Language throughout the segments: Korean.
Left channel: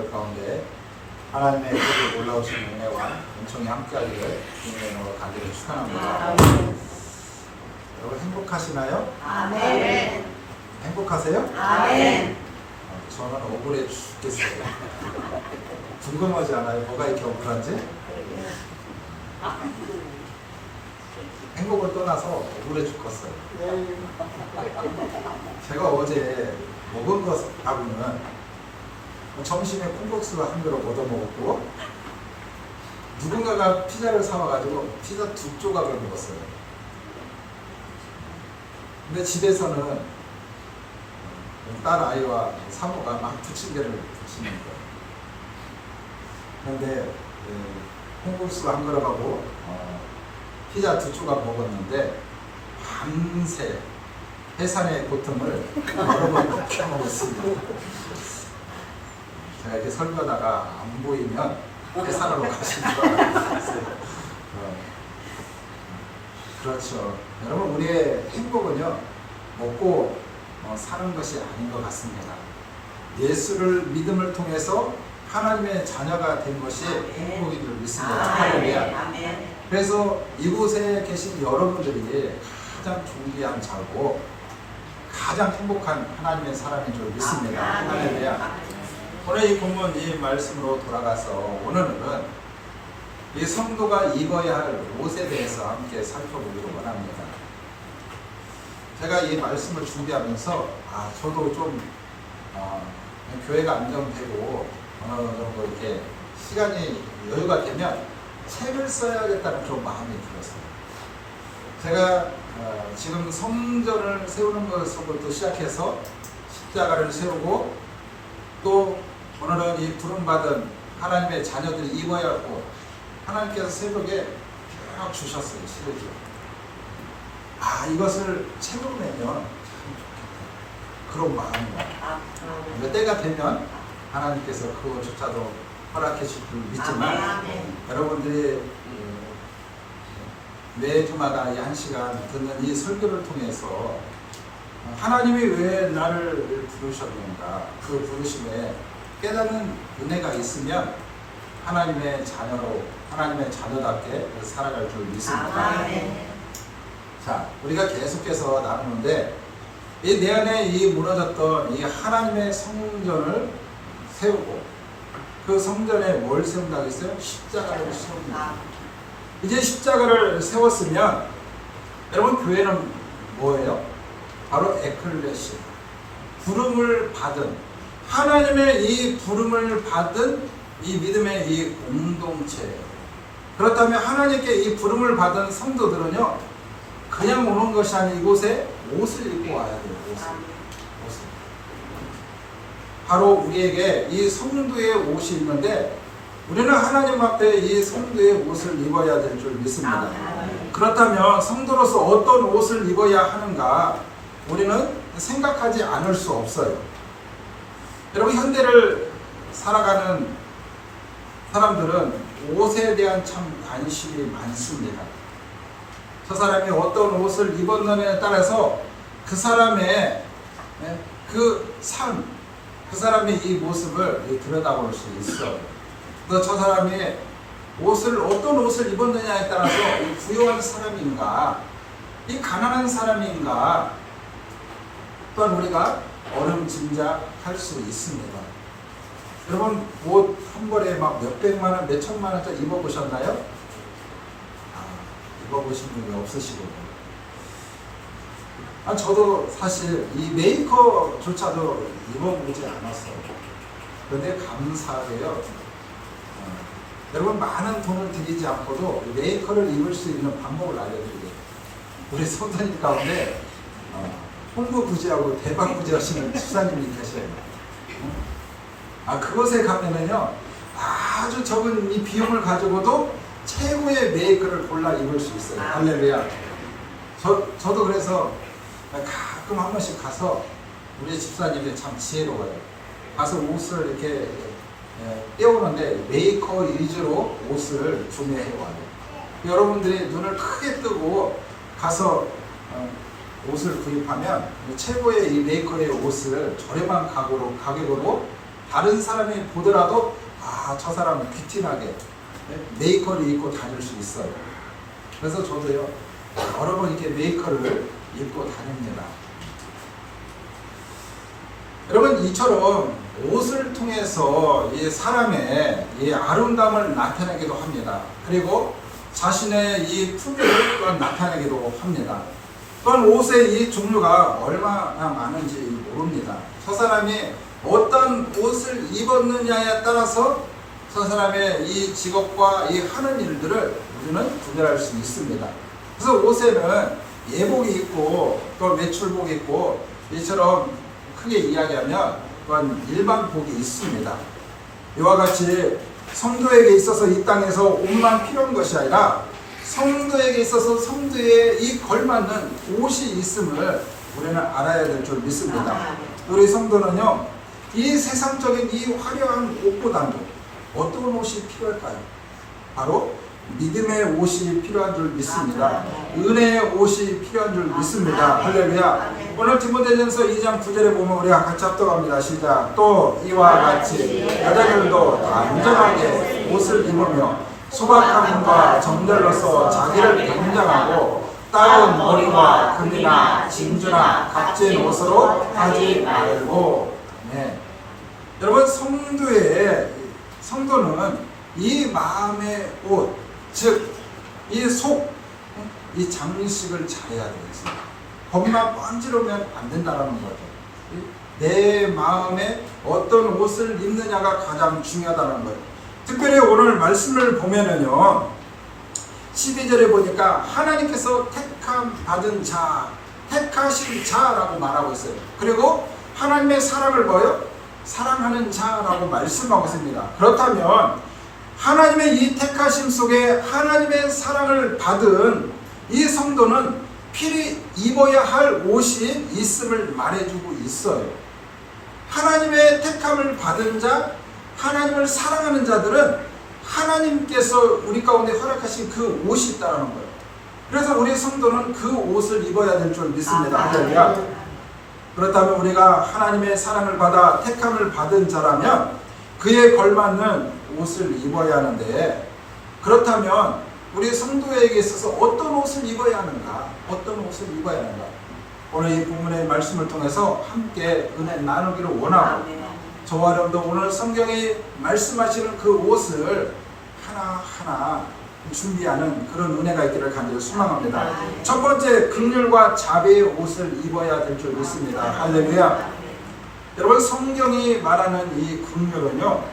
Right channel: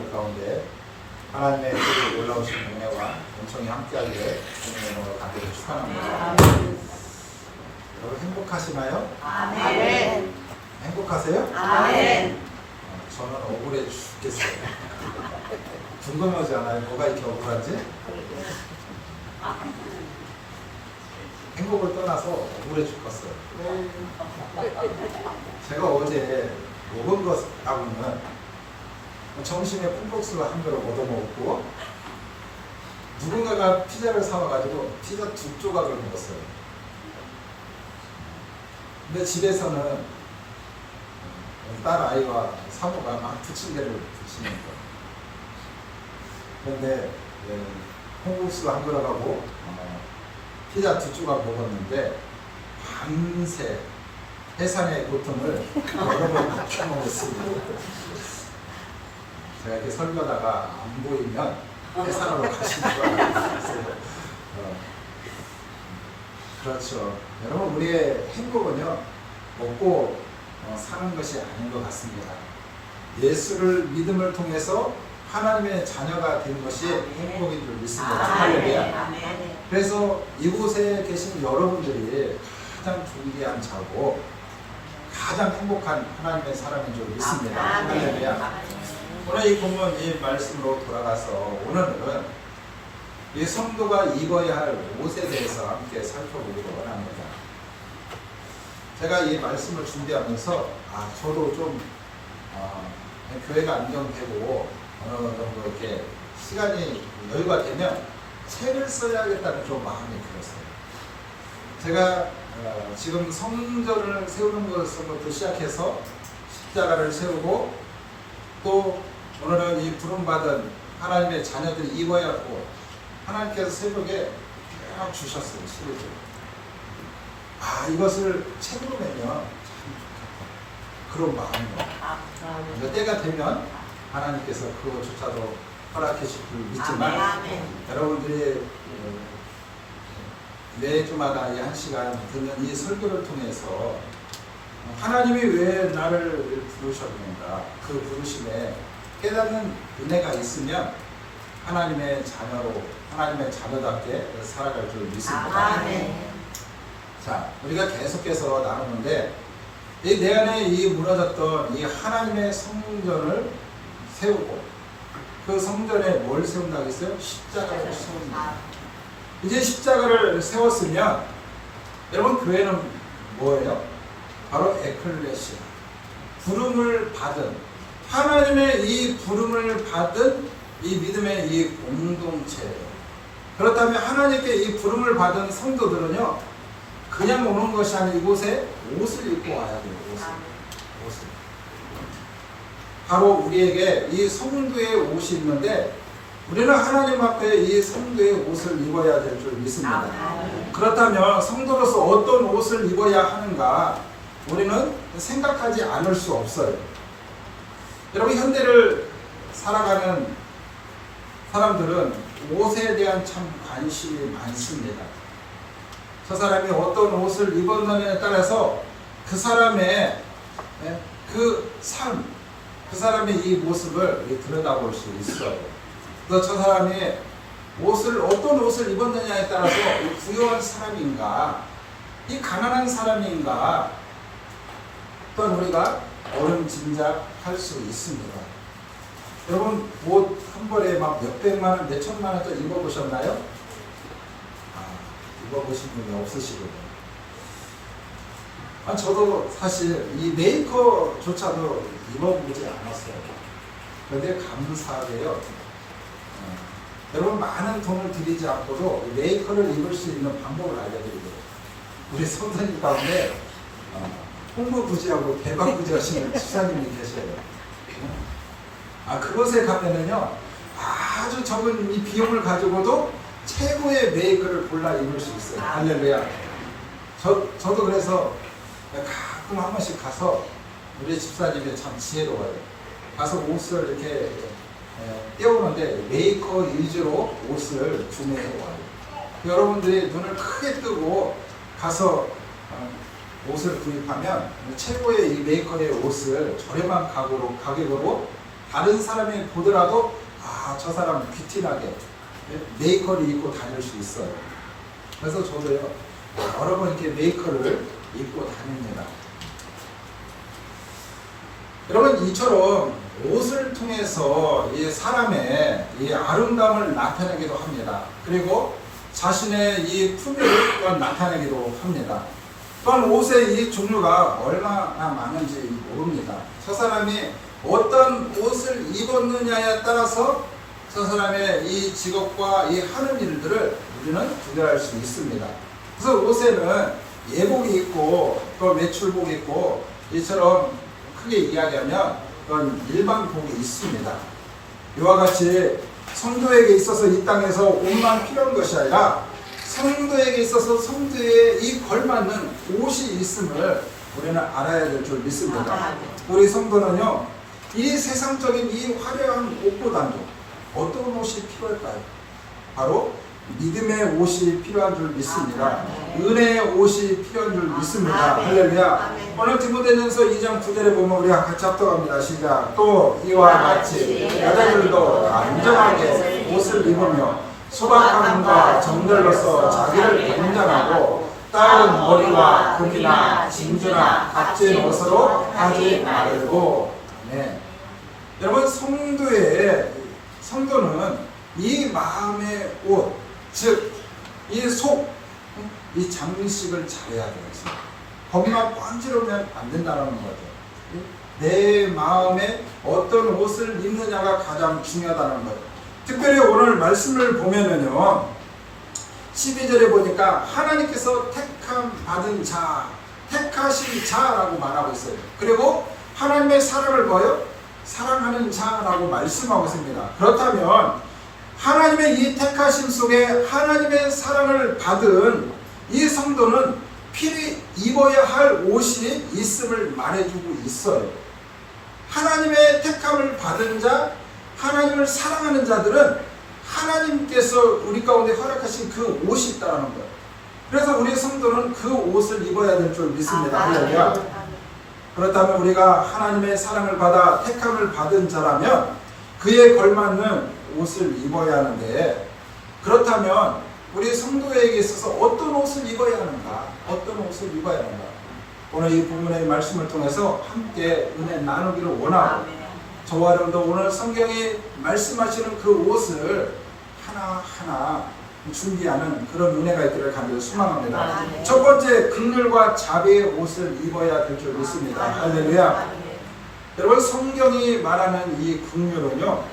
여러분들 가운데 하나님의 뜻이 올라오신 은혜와 은총이 함께하기를 주님으로 간절히 축원합니다. 여러분 행복하시나요? 아멘. 행복하세요? 아멘. 저는 억울해 죽겠어요. 궁금하지 않아요? 뭐가 이렇게 억울한지? 행복을 떠나서 억울해 죽겠어요. 제가 어제 먹은 것하고는 점심에 콩국수를 한 그릇 얻어먹었고, 누군가가 피자를 사와가지고 피자 2조각을 먹었어요. 근데 집에서는 딸 아이와 사모가 막 부침개를 부치는 거예요. 그런데 콩국수 한 그릇하고 피자 2조각 먹었는데 밤새 해산의 고통을 여러 번 넘겨 먹었습니다. 제가 이렇게 설교하다가 안 보이면 해산으로 가시는 거 알았어요. 그렇죠. 여러분, 우리의 행복은요, 먹고 사는 것이 아닌 것 같습니다. 예수를 믿음을 통해서 하나님의 자녀가 된 것이 행복인 줄 믿습니다. 할렐루야. 그래서 이곳에 계신 여러분들이 가장 존귀한 자고 가장 행복한 하나님의 사람인 줄 믿습니다. 할렐루야. 오늘 이 본문 이 말씀으로 돌아가서 오늘은 이 성도가 입어야 할 옷에 대해서 함께 살펴보기로 원합니다. 제가 이 말씀을 준비하면서 저도 좀 교회가 안정되고 어느 정도 이렇게 시간이 여유가 되면 책을 써야겠다는 그런 마음이 들었어요. 제가 지금 성전을 세우는 것부터 시작해서 십자가를 세우고 또 오늘은 이 부름받은 하나님의 자녀들이 입어야 하고 하나님께서 새벽에 쭉 주셨어요. 시리즈. 이것을 책으로 내면 그런 마음이에요. 때가 되면 하나님께서 그것조차도 허락해 주실 줄 믿지만 여러분들이 매주마다 이 1시간 듣는 이 설교를 통해서 하나님이 왜 나를 부르셨는가, 그 부르심에 깨닫는 은혜가 있으면 하나님의 자녀로, 하나님의 자녀답게 살아갈 줄 믿습니다. 자, 우리가 계속해서 나누는데 이 내 안에 이 무너졌던 이 하나님의 성전을 세우고 그 성전에 뭘 세운다고 했어요? 십자가를 세웁니다. 이제 십자가를 세웠으면 여러분 교회는 뭐예요? 바로 에클레시아, 부름을 받은, 하나님의 이 부름을 받은 이 믿음의 이 공동체. 그렇다면 하나님께 이 부름을 받은 성도들은요, 그냥 오는 것이 아니 이곳에 옷을 입고 와야 돼요. 옷을. 바로 우리에게 이 성도의 옷이 있는데 우리는 하나님 앞에 이 성도의 옷을 입어야 될 줄 믿습니다. 그렇다면 성도로서 어떤 옷을 입어야 하는가 우리는 생각하지 않을 수 없어요. 여러분, 현대를 살아가는 사람들은 옷에 대한 참 관심이 많습니다. 저 사람이 어떤 옷을 입었느냐에 따라서 그 사람의 그 삶, 그 사람의 이 모습을 들여다볼 수 있어요. 또 저 사람이 어떤 옷을 입었느냐에 따라서 부유한 사람인가, 이 가난한 사람인가, 또한 우리가 어림짐작할 수 있습니다. 여러분, 옷 한 벌에 막 몇백만 원, 몇천만 원짜리 입어보셨나요? 입어보신 분이 없으시고요. 저도 사실 이 메이커조차도 입어보지 않았어요. 그런데 감사하게요, 여러분 많은 돈을 들이지 않고도 메이커를 입을 수 있는 방법을 알려드리죠. 우리 성도님 가운데 홍보부지하고 대박부지하시는 집사님이 계세요. 그곳에 가면은요, 아주 적은 이 비용을 가지고도 최고의 메이커를 골라 입을 수 있어요. 할렐루야. 저도 그래서 가끔 한 번씩 가서 우리 집사님이 참 지혜로워요. 가서 옷을 이렇게 떼우는데 메이커 위주로 옷을 구매해 와요. 여러분들이 눈을 크게 뜨고 가서 옷을 구입하면 최고의 이 메이커의 옷을 저렴한 가격으로 다른 사람이 보더라도 저 사람 귀티나게 메이커를 입고 다닐 수 있어요. 그래서 저도요 여러 번 이렇게 메이커를 입고 다닙니다. 여러분, 이처럼 옷을 통해서 이 사람의 이 아름다움을 나타내기도 합니다. 그리고 자신의 이 품위를 또한 나타내기도 합니다. 또한 옷의 이 종류가 얼마나 많은지 모릅니다. 저 사람이 어떤 옷을 입었느냐에 따라서 저 사람의 이 직업과 이 하는 일들을 우리는 구별할 수 있습니다. 그래서 옷에는 예복이 있고 또 외출복이 있고, 이처럼 크게 이야기하면 또한 일반복이 있습니다. 이와 같이 성도에게 있어서 이 땅에서 옷만 필요한 것이 아니라 성도에게 있어서 성도에 이 걸맞는 옷이 있음을 우리는 알아야 될 줄 믿습니다. 우리 성도는요, 이 세상적인 이 화려한 옷보다도 어떤 옷이 필요할까요? 바로 믿음의 옷이 필요한 줄 믿습니다. 은혜의 옷이 필요한 줄 믿습니다. 할렐루야. 오늘 디모데전서 2장 9절에 보면 우리가 같이 합독합니다. 시작. 또 이와 같이 여자들도 단정하게 옷을 입으며 소박함과 정결로서 자기를 변장하고 따은 머리와 금이나 진주나 값진 옷으로 하지 말고. 네. 여러분, 성도는 이 마음의 옷, 즉 이 속, 이 장식을 잘해야 되겠습니다. 겉만 번지르면 안 된다는 거죠. 내 마음에 어떤 옷을 입느냐가 가장 중요하다는 거예요. 특별히 오늘 말씀을 보면은요, 12절에 보니까 하나님께서 택함받은 자, 택하신 자라고 말하고 있어요. 그리고 하나님의 사랑을 뭐요? 사랑하는 자라고 말씀하고 있습니다. 그렇다면 하나님의 이 택하심 속에 하나님의 사랑을 받은 이 성도는 필히 입어야 할 옷이 있음을 말해주고 있어요. 하나님의 택함을 받은 자, 하나님을 사랑하는 자들은 하나님께서 우리 가운데 허락하신 그 옷이 있다는 거예요. 그래서 우리 성도는 그 옷을 입어야 될 줄 믿습니다. 할렐루야. 그렇다면 우리가 하나님의 사랑을 받아 택함을 받은 자라면 그에 걸맞는 옷을 입어야 하는데, 그렇다면 우리 성도에게 있어서 어떤 옷을 입어야 하는가? 어떤 옷을 입어야 하는가? 오늘 이 본문의 말씀을 통해서 함께 은혜 나누기를 원하고, 저와 여러분도 오늘 성경에 말씀하시는 그 옷을 하나하나 준비하는 그런 은혜가 있기를 간절히 소망합니다. 첫 번째, 긍휼과 자비의 옷을 입어야 될 줄 믿습니다. 할렐루야. 여러분, 성경이 말하는 이 긍휼은요,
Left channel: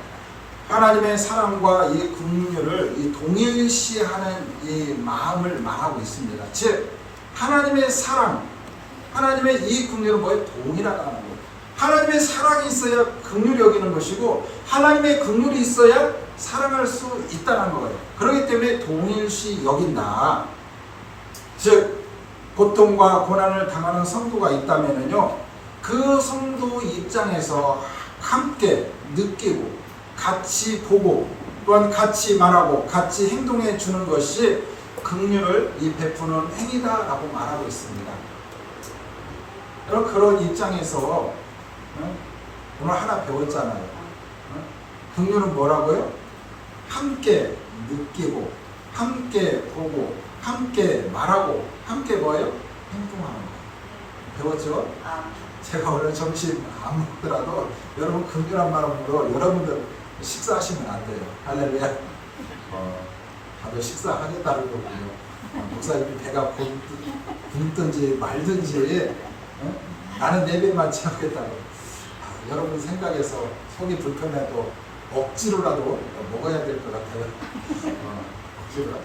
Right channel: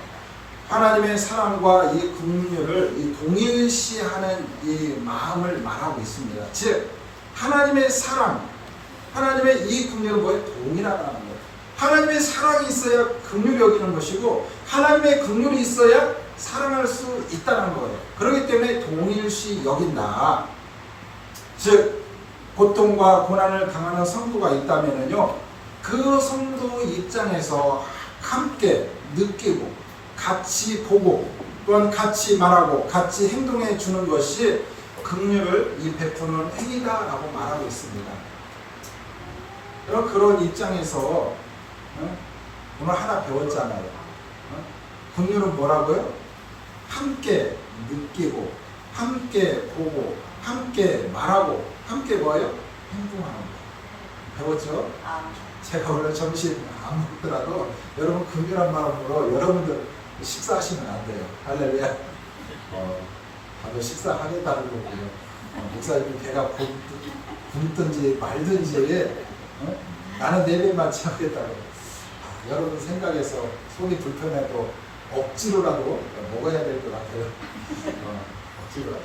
하나님의 사랑과 이 긍휼을 이 동일시하는 이 마음을 말하고 있습니다. 즉, 하나님의 사랑, 하나님의 이 긍휼은 뭐예요? 동일하다는 거예요. 하나님의 사랑이 있어야 긍휼이 여기는 것이고, 하나님의 긍휼이 있어야 사랑할 수 있다는 거예요. 그렇기 때문에 동일시 여긴다. 즉, 고통과 고난을 당하는 성도가 있다면요, 그 성도 입장에서 함께 느끼고 같이 보고 또한 같이 말하고 같이 행동해 주는 것이 긍휼을 이 베푸는 행위다라고 말하고 있습니다. 여러분, 그런 입장에서 오늘 하나 배웠잖아요. 긍휼은 뭐라고요? 함께 느끼고 함께 보고 함께 말하고 함께 뭐예요? 행동하는 거예요. 배웠죠? 제가 오늘 점심 안 먹더라도 여러분 긍휼한 마음으로 여러분들 식사하시면 안 돼요. 할렐루야. 다들 식사하겠다는 거고요. 목사님 배가 굶든지 말든지 나는 내 배만 채우겠다고. 여러분 생각에서 속이 불편해도 억지로라도 먹어야 될 것 같아요. 억지로라도.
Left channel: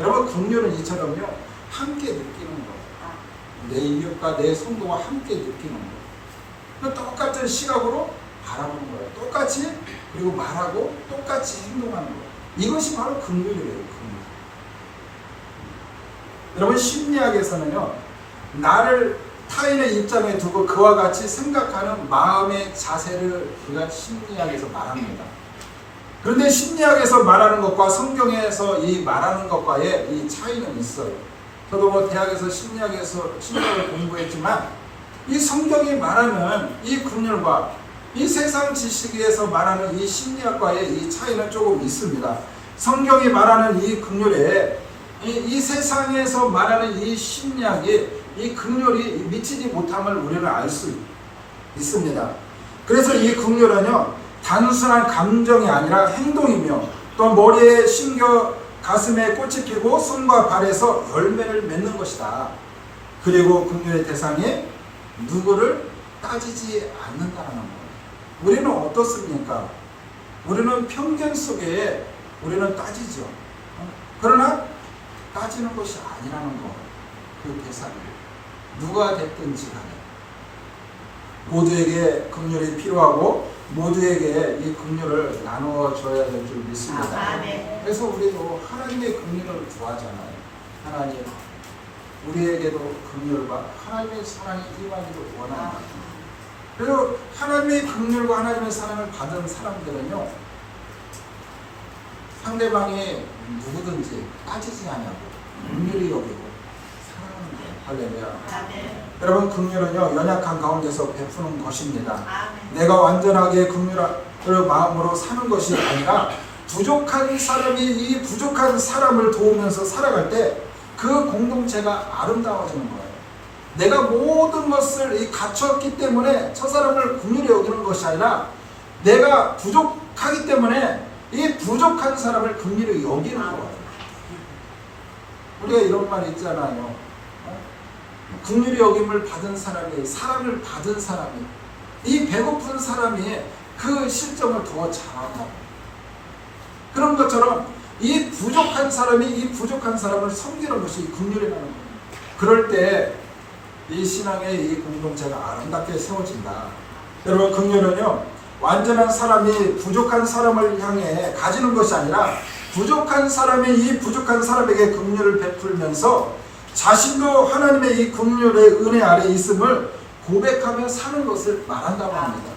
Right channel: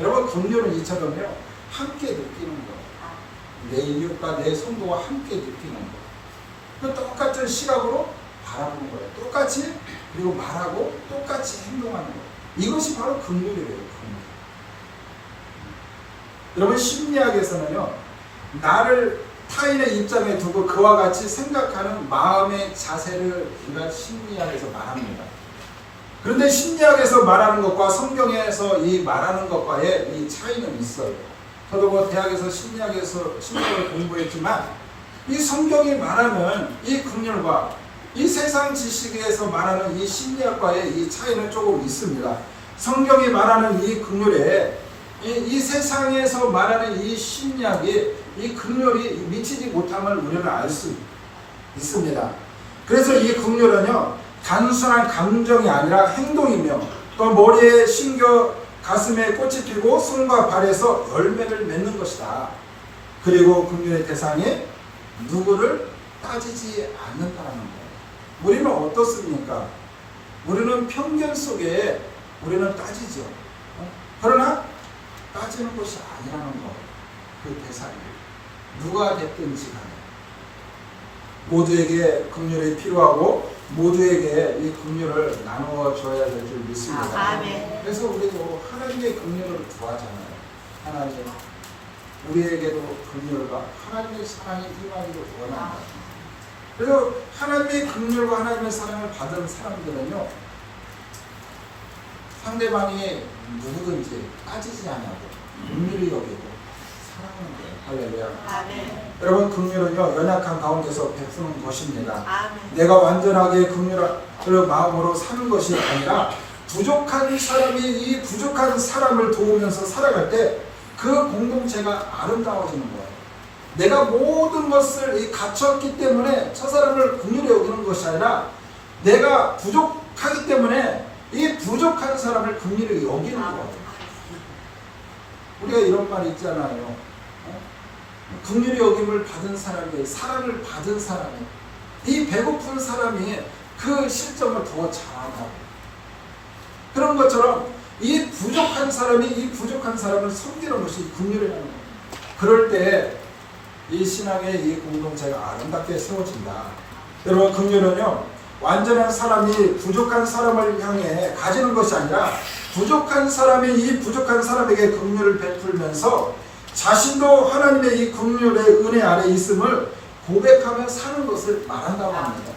여러분, 긍휼은 이처럼요, 함께 느끼는 거. 내 인격과 내 성도와 함께 느끼는 거. 똑같은 시각으로 바라보는 거예요. 똑같이, 그리고 말하고 똑같이 행동하는 거예요. 이것이 바로 긍휼이래요. 긍휼. 여러분, 심리학에서는요, 나를 타인의 입장에 두고 그와 같이 생각하는 마음의 자세를 우리가 심리학에서 말합니다. 그런데 심리학에서 말하는 것과 성경에서 이 말하는 것과의 이 차이는 있어요. 저도 뭐 대학에서 심리학을 공부했지만 이 성경이 말하는 이 긍휼과 이 세상 지식에서 말하는 이 심리학과의 이 차이는 조금 있습니다. 성경이 말하는 이 긍휼에 이 세상에서 말하는 이 심리학이 이 긍휼이 미치지 못함을 우리는 알 수 있습니다. 그래서 이 긍휼은요, 단순한 감정이 아니라 행동이며 또 머리에 심겨 가슴에 꽃이 피고 손과 발에서 열매를 맺는 것이다. 그리고 긍휼의 대상이 누구를 따지지 않는다는 거예요. 우리는 어떻습니까? 우리는 편견 속에 우리는 따지죠. 그러나 따지는 것이 아니라는 거예요. 그 대상이 누가 됐든지 간에 모두에게 긍휼이 필요하고 모두에게 이 긍휼을 나누어 줘야 될 줄 믿습니다. 그래서 우리도 하나님의 긍휼을 구하잖아요. 하나님 우리에게도 긍휼과 하나님의 사랑이 임하기를 원합니다. 그래서 하나님의 긍휼과 하나님의 사랑을 받은 사람들은요, 상대방이 누구든지 따지지 않고 긍휼히 여기고 사랑하는 거예요. 할렐루야. 여러분, 긍휼은요, 연약한 가운데서 베푸는 것입니다. 내가 완전하게 긍휼을 마음으로 사는 것이 아니라 부족한 사람이 이 부족한 사람을 도우면서 살아갈 때 그 공동체가 아름다워지는 거예요. 내가 모든 것을 갖췄기 때문에 저 사람을 긍휼히 여기는 것이 아니라 내가 부족하기 때문에 이 부족한 사람을 긍휼히 여기는 거예요. 우리가 이런 말이 있잖아요. 긍휼히 여김을 받은 사람이, 사랑을 받은 사람이, 이 배고픈 사람이 그 실정을 더 잘한다고. 그런 것처럼 이 부족한 사람이 이 부족한 사람을 섬기는 것이 긍휼이라는 거예요. 그럴 때 이 신앙의 이 공동체가 아름답게 세워진다. 여러분, 긍휼은요, 완전한 사람이 부족한 사람을 향해 가지는 것이 아니라 부족한 사람이 이 부족한 사람에게 긍휼을 베풀면서 자신도 하나님의 이 긍휼의 은혜 아래 있음을 고백하며 사는 것을 말한다고 합니다.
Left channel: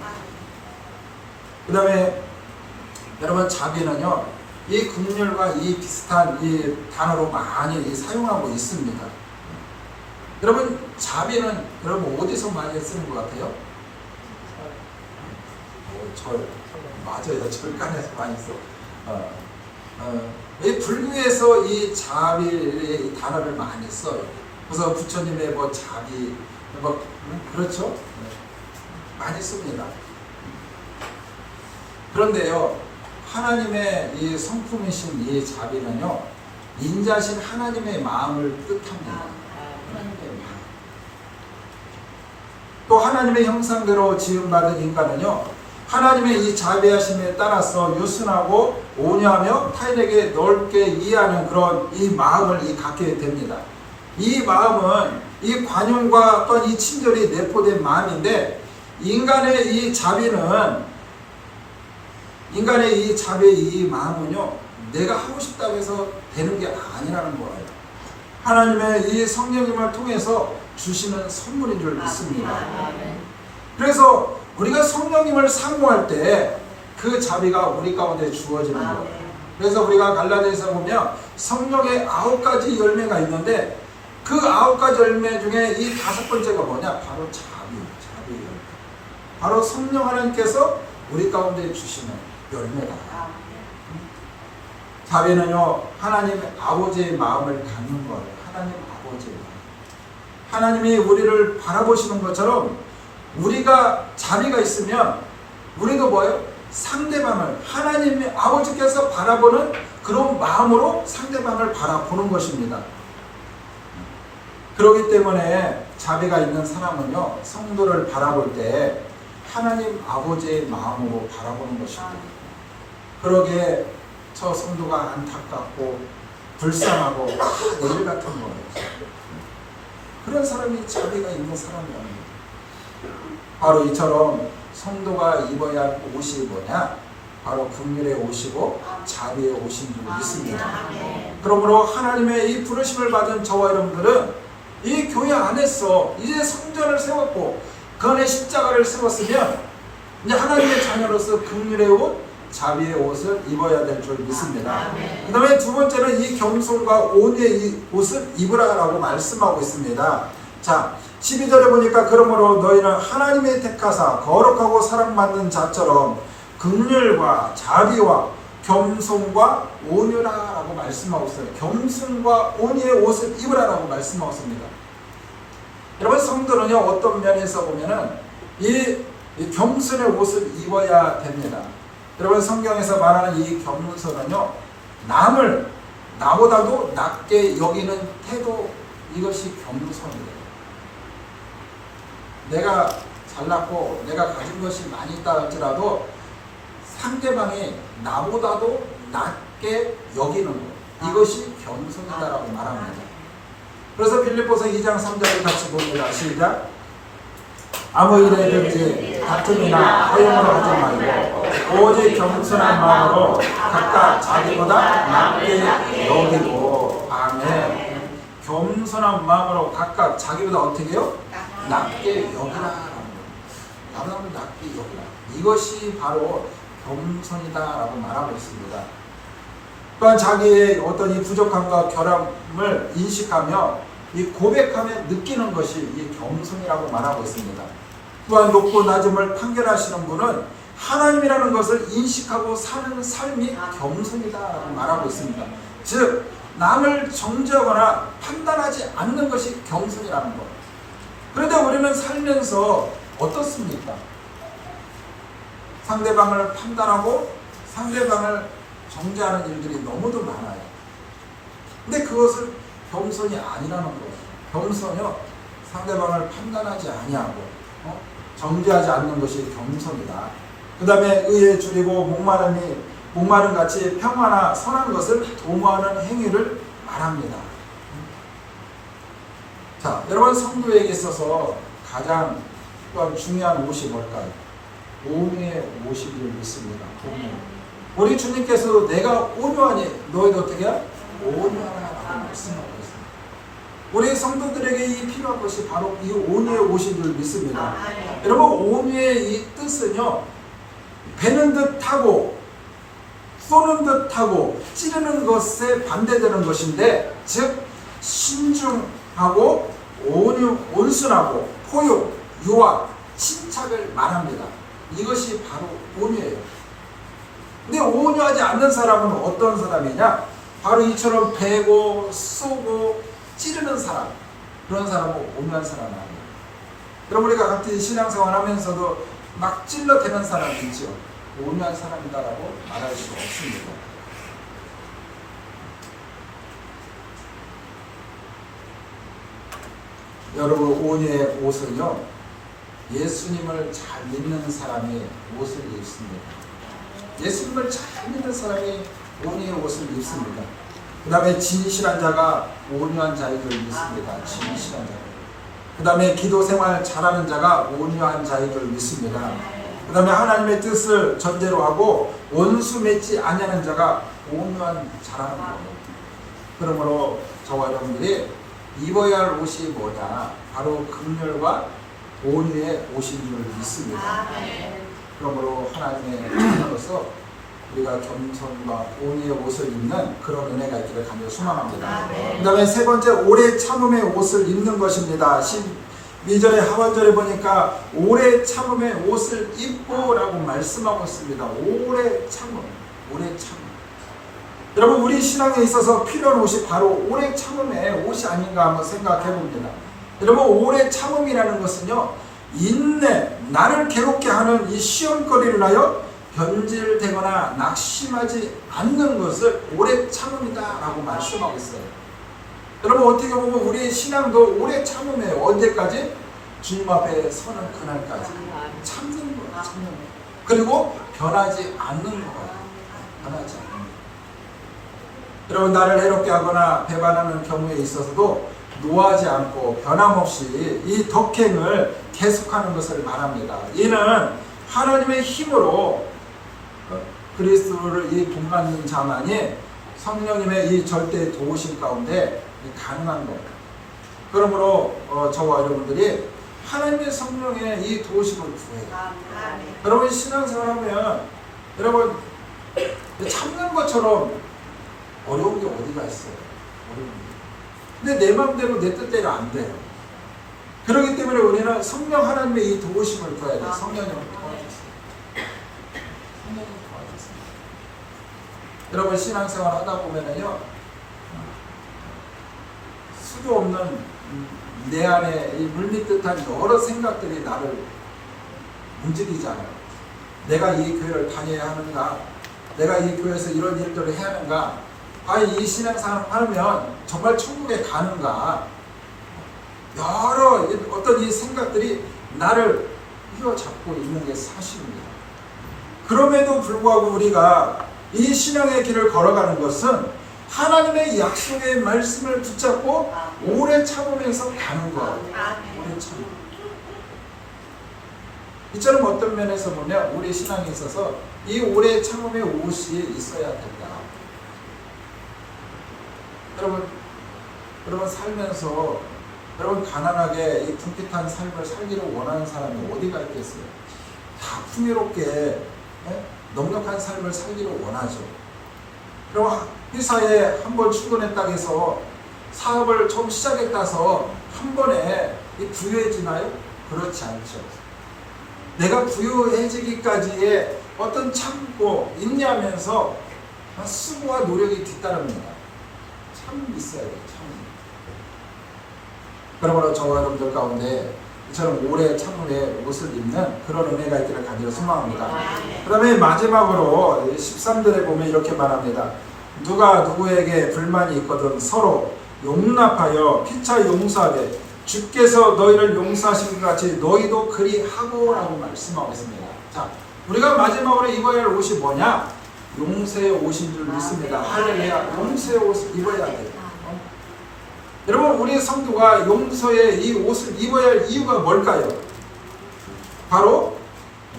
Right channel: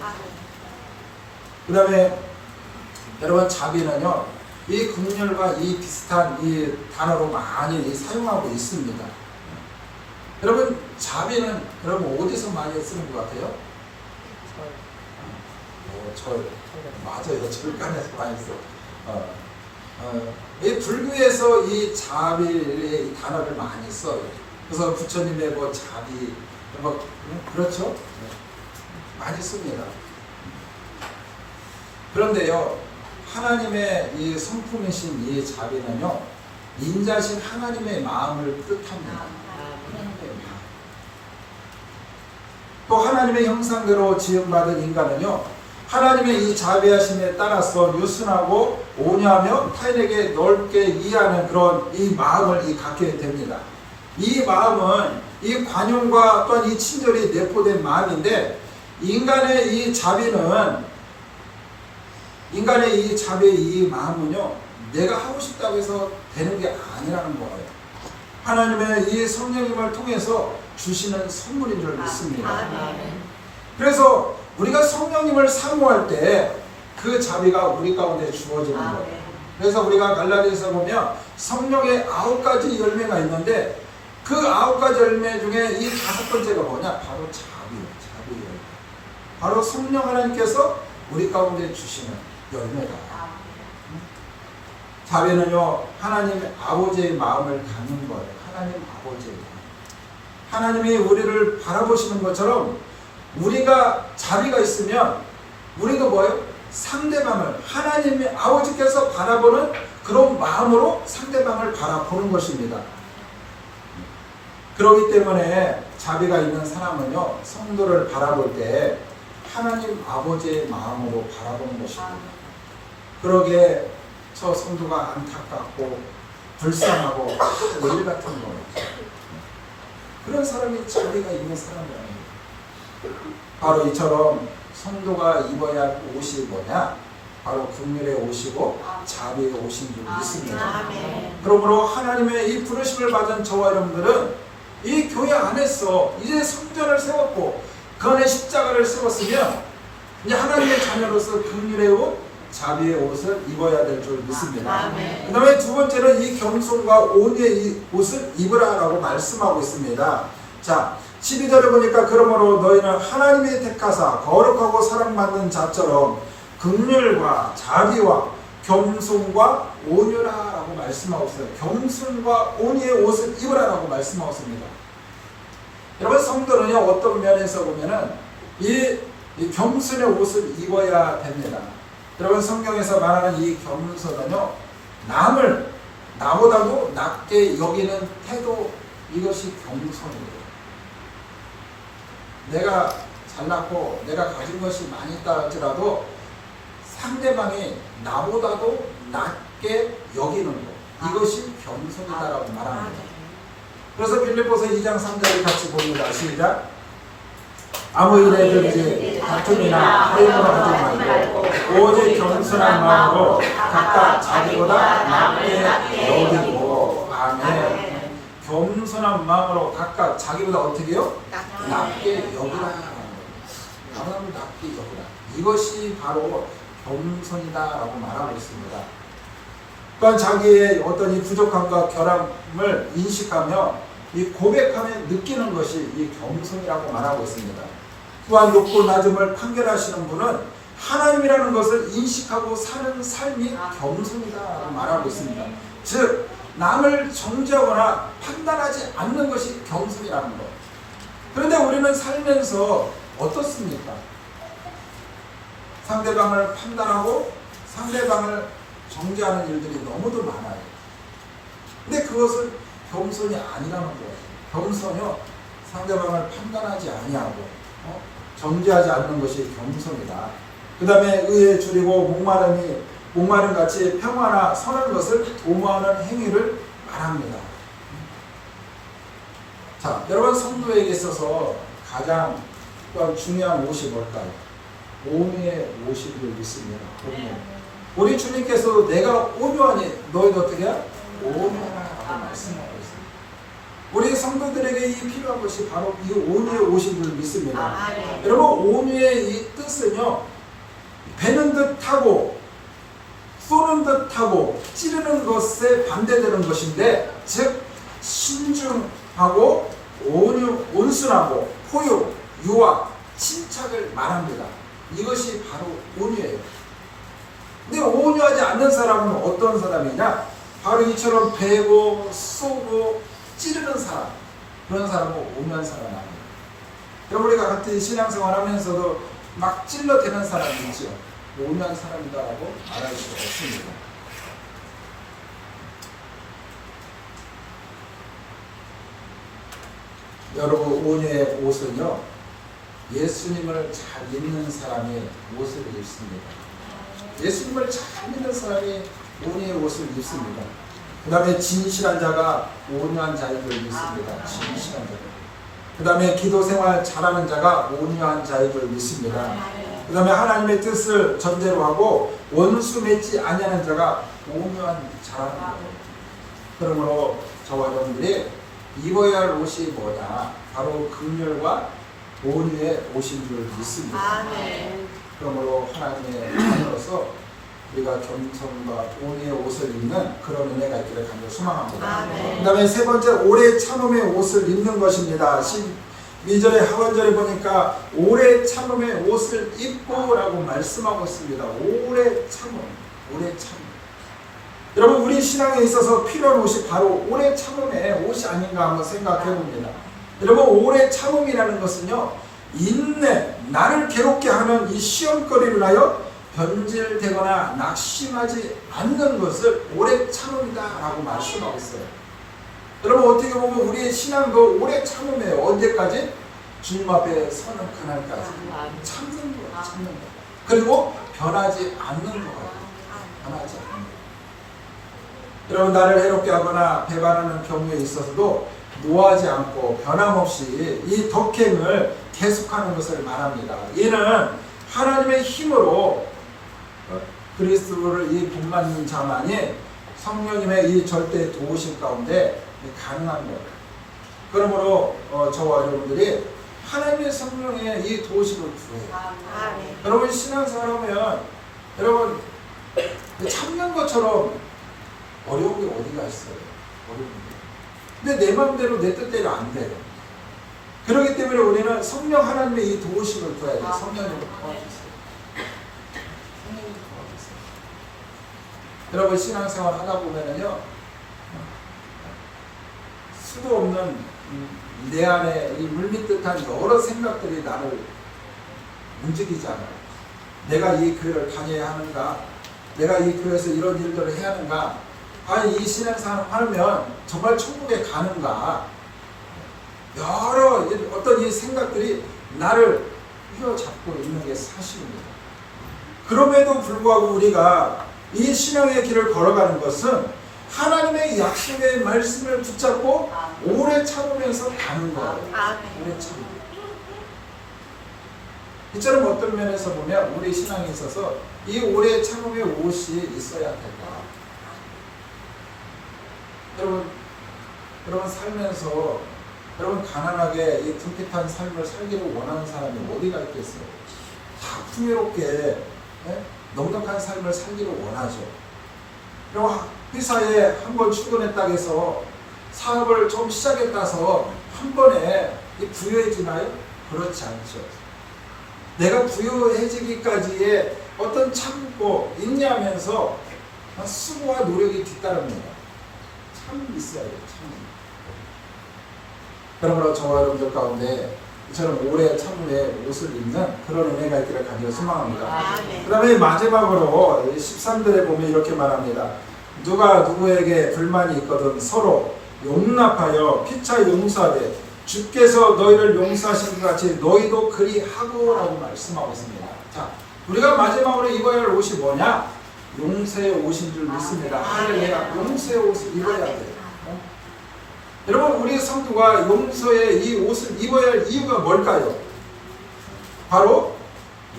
그 다음에 여러분, 자비는요, 이 긍휼과 이 비슷한 이 단어로 많이 사용하고 있습니다. 여러분, 자비는 여러분 어디서 많이 쓰는 것 같아요? 절. 맞아요. 절간에서 많이 써요. 이 불교에서 이 자비의 단어를 많이 써요. 그래서 부처님의 뭐 자비, 뭐 그렇죠? 많이 씁니다. 그런데요, 하나님의 이 성품이신 이 자비는요, 인자신 하나님의 마음을 뜻합니다. 또 하나님의 형상대로 지음받은 인간은요, 하나님의 이 자비하심에 따라서 유순하고 온유하며 타인에게 넓게 이해하는 그런 이 마음을 갖게 됩니다. 이 마음은 이 관용과 또한 이 친절이 내포된 마음인데, 인간의 이 자비는, 인간의 이 자비의 이 마음은요, 내가 하고 싶다고 해서 되는 게 아니라는 거예요. 하나님의 이 성령님을 통해서 주시는 선물인 줄 믿습니다. 그래서 우리가 성령님을 사모할 때 그 자비가 우리 가운데 주어지는 거예요. 그래서 우리가 갈라디아서 보면 성령의 9가지 열매가 있는데 그 9가지 열매 중에 이 5번째가 뭐냐? 바로 자비 열매. 바로 성령 하나님께서 우리 가운데 주시는 열매다. 자비는요, 하나님 아버지의 마음을 갖는 거예요. 하나님 아버지. 하나님이 우리를 바라보시는 것처럼 우리가 자비가 있으면 우리도 뭐예요? 상대방을, 하나님의 아버지께서 바라보는 그런 마음으로 상대방을 바라보는 것입니다. 그렇기 때문에 자비가 있는 사람은요, 성도를 바라볼 때 하나님 아버지의 마음으로 바라보는 것입니다. 그러게 저 성도가 안타깝고 불쌍하고 내일 같은 거예요. 그런 사람이 자비가 있는 사람이라는 거예요. 바로 이처럼 성도가 입어야 할 옷이 뭐냐? 바로 긍휼의 옷이고 자비의 옷인 줄 믿습니다. 그러므로 하나님의 이 부르심을 받은 저와 여러분들은 이 교회 안에서 이제 성전을 세웠고 그 안에 십자가를 세웠으면 이제 하나님의 자녀로서 긍휼의 옷, 자비의 옷을 입어야 될 줄 믿습니다. 그 다음에 두 번째는 이 겸손과 온유의 이 옷을 입으라라고 말씀하고 있습니다. 자, 12절에 보니까 그러므로 너희는 하나님의 택하사 거룩하고 사랑받는 자처럼 긍휼과 자비와 겸손과 온유라라고 말씀하고 있어요. 겸손과 온유의 옷을 입으라라고 말씀하고 있습니다. 여러분 성도는요 어떤 면에서 보면은 이 겸손의 옷을 입어야 됩니다. 여러분 성경에서 말하는 이 겸손은요 남을 나보다도 낮게 여기는 태도, 이것이 겸손이에요. 내가 잘났고 내가 가진 것이 많이 있다 할지라도 상대방이 나보다도 낮게 여기는 것, 이것이 겸손이다라고 말합니다. 그래서 빌립보서 2장 3절을 같이 봅니다. 시작. 아무 일에든지 다툼이나 허용으로 하지 말고 오직 겸손한 마음으로 각각 자기보다 낮게 여기고. 아멘. 겸손한 마음으로 각각 자기보다 어떻게 해요? 낮게 여기라. 다른 사람을 낮게 여기라. 이것이 바로 겸손이다라고 말하고 있습니다. 또한 자기의 어떤 이 부족함과 결함을 인식하며 이 고백하며 느끼는 것이 이 겸손이라고 말하고 있습니다. 또한 높고 낮음을 판결하시는 분은 하나님이라는 것을 인식하고 사는 삶이 겸손이다라고 말하고 있습니다. 즉 남을 정죄하거나 판단하지 않는 것이 겸손이라는 것. 그런데 우리는 살면서 어떻습니까? 상대방을 판단하고 상대방을 정죄하는 일들이 너무도 많아요. 근데 그것은 겸손이 아니라는 거예요. 겸손이요 상대방을 판단하지 아니하고 정죄하지 않는 것이 겸손이다. 그 다음에 의에 줄이고 목마름 같이 평화나 선한 것을 도모하는 행위를 말합니다. 자, 여러분 성도에게 있어서 가장 또한 중요한 옷이 뭘까요? 온유의 옷을 믿습니다. 온유. 우리 주님께서도 내가 온유하니 너희도 어떻게 해? 온유하라고 말씀하고 있습니다. 우리 성도들에게 이 필요한 것이 바로 이 온유의 옷을 믿습니다. 여러분 온유의 이 뜻은요 베는 듯하고 쏘는 듯하고 찌르는 것에 반대되는 것인데, 즉 신중하고 온순하고 포용, 유아, 침착을 말합니다. 이것이 바로 온유예요. 근데 온유하지 않는 사람은 어떤 사람이냐? 바로 이처럼 베고 쏘고 찌르는 사람, 그런 사람은 온유한 사람이 아닙니다. 여러분 우리가 같은 신앙생활 하면서도 막 찔러대는 사람이 있죠. 온유한 사람이다라고 말할 수 없습니다. 여러분 온유의 옷은요 예수님을 잘 믿는 사람이 옷을 입습니다. 예수님을 잘 믿는 사람이 온유의 옷을 입습니다. 그 다음에 진실한 자가 온유한 자이들 믿습니다. 진실한 자. 그 다음에 기도 생활 잘하는 자가 온유한 자이들 믿습니다. 그 다음에 하나님의 뜻을 전제로 하고 원수 맺지 아니하는 자가 온유한 자라는 거예요. 그러므로 저와 여러분들이 입어야 할 옷이 뭐냐? 바로 긍휼과 온유의 옷인 줄 믿습니다. 그러므로 하나님의 자녀로서 우리가 겸손과 온유의 옷을 입는 그런 은혜가 있기를 간절히 소망합니다. 그 다음에 세 번째, 오래 참음의 옷을 입는 것입니다. 12절에 하반절에 보니까 오래 참음의 옷을 입고 라고 말씀하고 있습니다. 오래 참음, 오래 참음. 여러분 우리 신앙에 있어서 필요한 옷이 바로 오래 참음의 옷이 아닌가 한번 생각해 봅니다. 여러분 오래 참음이라는 것은요 인내, 나를 괴롭게 하는 이 시험거리를 하여 변질되거나 낙심하지 않는 것을 오래 참음이다 라고 말씀하고 있어요. 여러분 어떻게 보면 우리의 신앙도 오래 참음해요. 언제까지? 주님 앞에 서는 그날까지 참는 거예요. 참는 거예요. 그리고 변하지 않는 거예요. 변하지 않는 거예요. 여러분 나를 해롭게 하거나 배반하는 경우에 있어서도 노하지 않고 변함없이 이 덕행을 계속하는 것을 말합니다. 이는 하나님의 힘으로 그리스도를 이 분만인 자만이 성령님의 이 절대 도우심 가운데 가능한 거예요. 그러므로 저와 여러분들이 하나님의 성령의 이 도우심을 구해요. 여러분 신앙생활하면 여러분 참는 것처럼 어려운 게 어디가 있어요? 어려운 게. 근데 내 마음대로 내 뜻대로 안 돼요. 그렇기 때문에 우리는 성령 하나님의 이 도우심을 구해야 돼요. 성령님을 도와주세요. 성령님 도와주세요. 여러분 신앙생활 하다 보면은요, 수도 없는 내 안에 이 물밑듯한 여러 생각들이 나를 움직이잖아요. 내가 이 교회를 다녀야 하는가? 내가 이 교회에서 이런 일들을 해야 하는가? 아니 이 신앙생활을 하면 정말 천국에 가는가? 여러 어떤 이 생각들이 나를 휘어잡고 있는 게 사실입니다. 그럼에도 불구하고 우리가 이 신앙의 길을 걸어가는 것은 하나님의 약속의 말씀을 붙잡고 오래 참으면서 가는 거예요. 오래 참고. 이처럼 어떤 면에서 보면 우리 신앙에 있어서 이 오래 참음의 옷이 있어야 된다. 여러분 살면서 여러분 가난하게 이 궁핍한 삶을 살기를 원하는 사람이 어디가 있겠어요? 다 풍요롭게 넉넉한 삶을 살기를 원하죠. 여러분 회사에 한 번 출근했다 해서 사업을 처음 시작했다 해서 한 번에 부유해지나요? 그렇지 않죠. 내가 부유해지기까지의 어떤 참고 인내하면서 수고와 노력이 뒤따릅니다. 참 있어야 돼요. 참. 그러므로 저와 여러분들 가운데 이처럼 오래 참음의 옷을 입는 그런 은혜가 있기를 간절히 소망합니다. 그 다음에 마지막으로 13절에 보면 이렇게 말합니다. 누가 누구에게 불만이 있거든 서로 용납하여 피차 용서하되 주께서 너희를 용서하신 것 같이 너희도 그리 하고라고 말씀하고 있습니다. 자, 우리가 마지막으로 입어야 할 옷이 뭐냐? 용서의 옷인 줄 믿습니다. 할렐루야. 용서의 옷을 입어야 돼요. 여러분 우리 성도가 용서의 이 옷을 입어야 할 이유가 뭘까요? 바로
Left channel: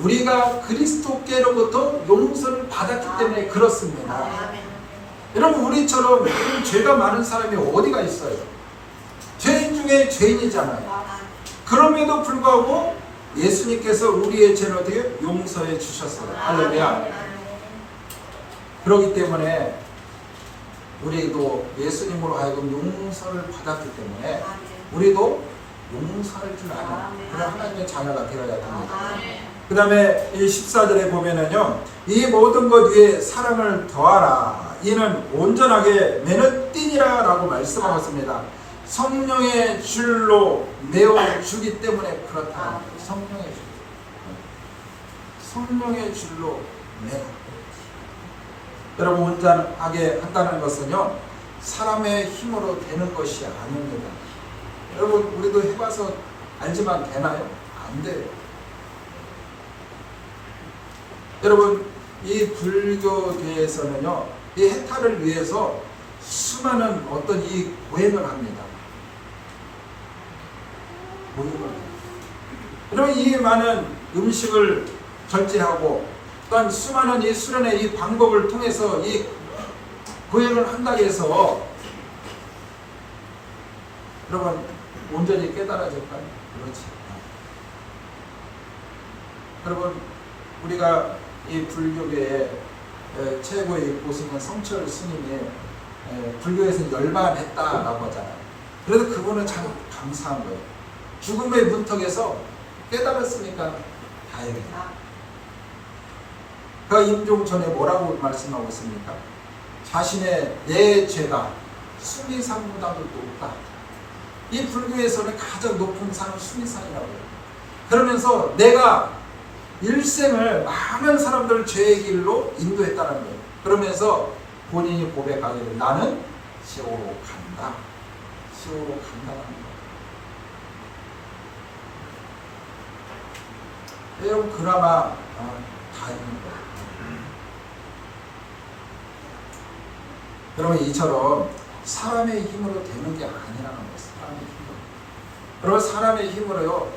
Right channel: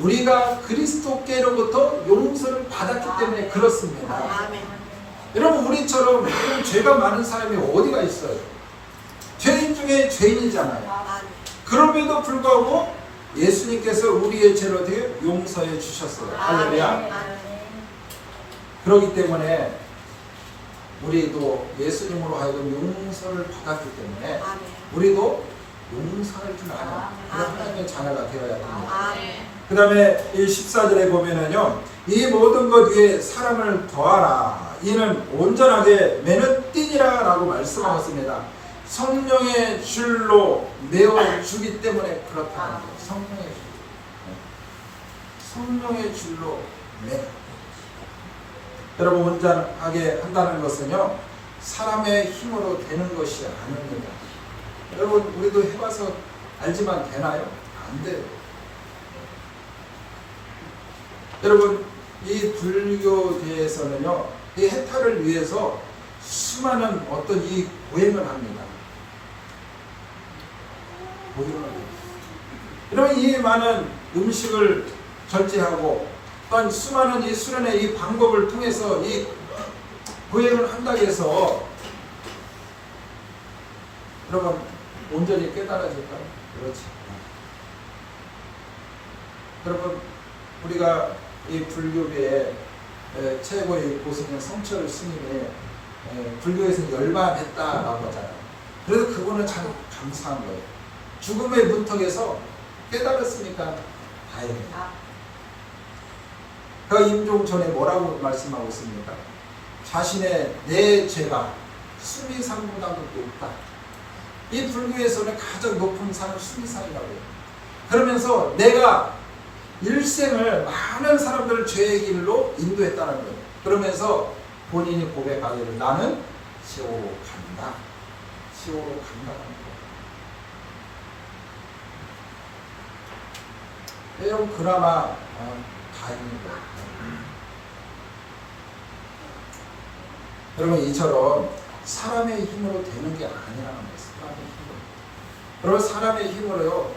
우리가 그리스도께로부터 용서를 받았기 때문에 그렇습니다. 여러분 우리처럼 죄가 많은 사람이 어디가 있어요? 죄인 중에 죄인이잖아요. 그럼에도 불구하고 예수님께서 우리의 죄를 어떻게 용서해 주셨어요. 할렐루야. 그렇기 때문에 우리도 예수님으로 하여금 용서를 받았기 때문에 우리도 용서할 줄 아는 그런 하나님의 자녀가 되어야 됩니다. 그 다음에 이 14절에 보면은요, 이 모든 것 위에 사랑을 더하라. 이는 온전하게 매는 띠니라 라고 말씀하고 있습니다. 성령의 줄로 메어주기 때문에 그렇다. 성령의 줄. 성령의 줄로 메어. 여러분 온전하게 한다는 것은요, 사람의 힘으로 되는 것이 아닙니다. 여러분 우리도 해봐서 알지만 되나요? 안 돼요. 여러분 이 불교계에서는요, 이 해탈을 위해서 수많은 어떤 이 보행을 합니다. 여러분 이 많은 음식을 절제하고 또한 수많은 이 수련의 이 방법을 통해서 이 보행을 한다고 해서 여러분 온전히 깨달아질까요? 그렇지. 여러분 우리가 이 불교계의 최고의 고승인 성철 스님이 불교에서 열반했다라고 하잖아요. 그래서 그거는 참 감사한 거예요. 죽음의 문턱에서 깨달았으니까 다행이다. 그 임종천에 뭐라고 말씀하고 있습니까? 자신의 내 죄가 수미산보다도 높다. 이 불교에서는 가장 높은 산은 수미산이라고요. 그러면서 내가 일생을 많은 사람들을 죄의 길로 인도했다는 거예요. 그러면서 본인이 고백하기를 나는 지옥으로 간다. 지옥으로 간다는 거예요. 여러분 그나마 다행입니다. 여러분 이처럼 사람의 힘으로 되는 게 아니라는 거예요. 사람의 힘으로. 여러분 사람의 힘으로요.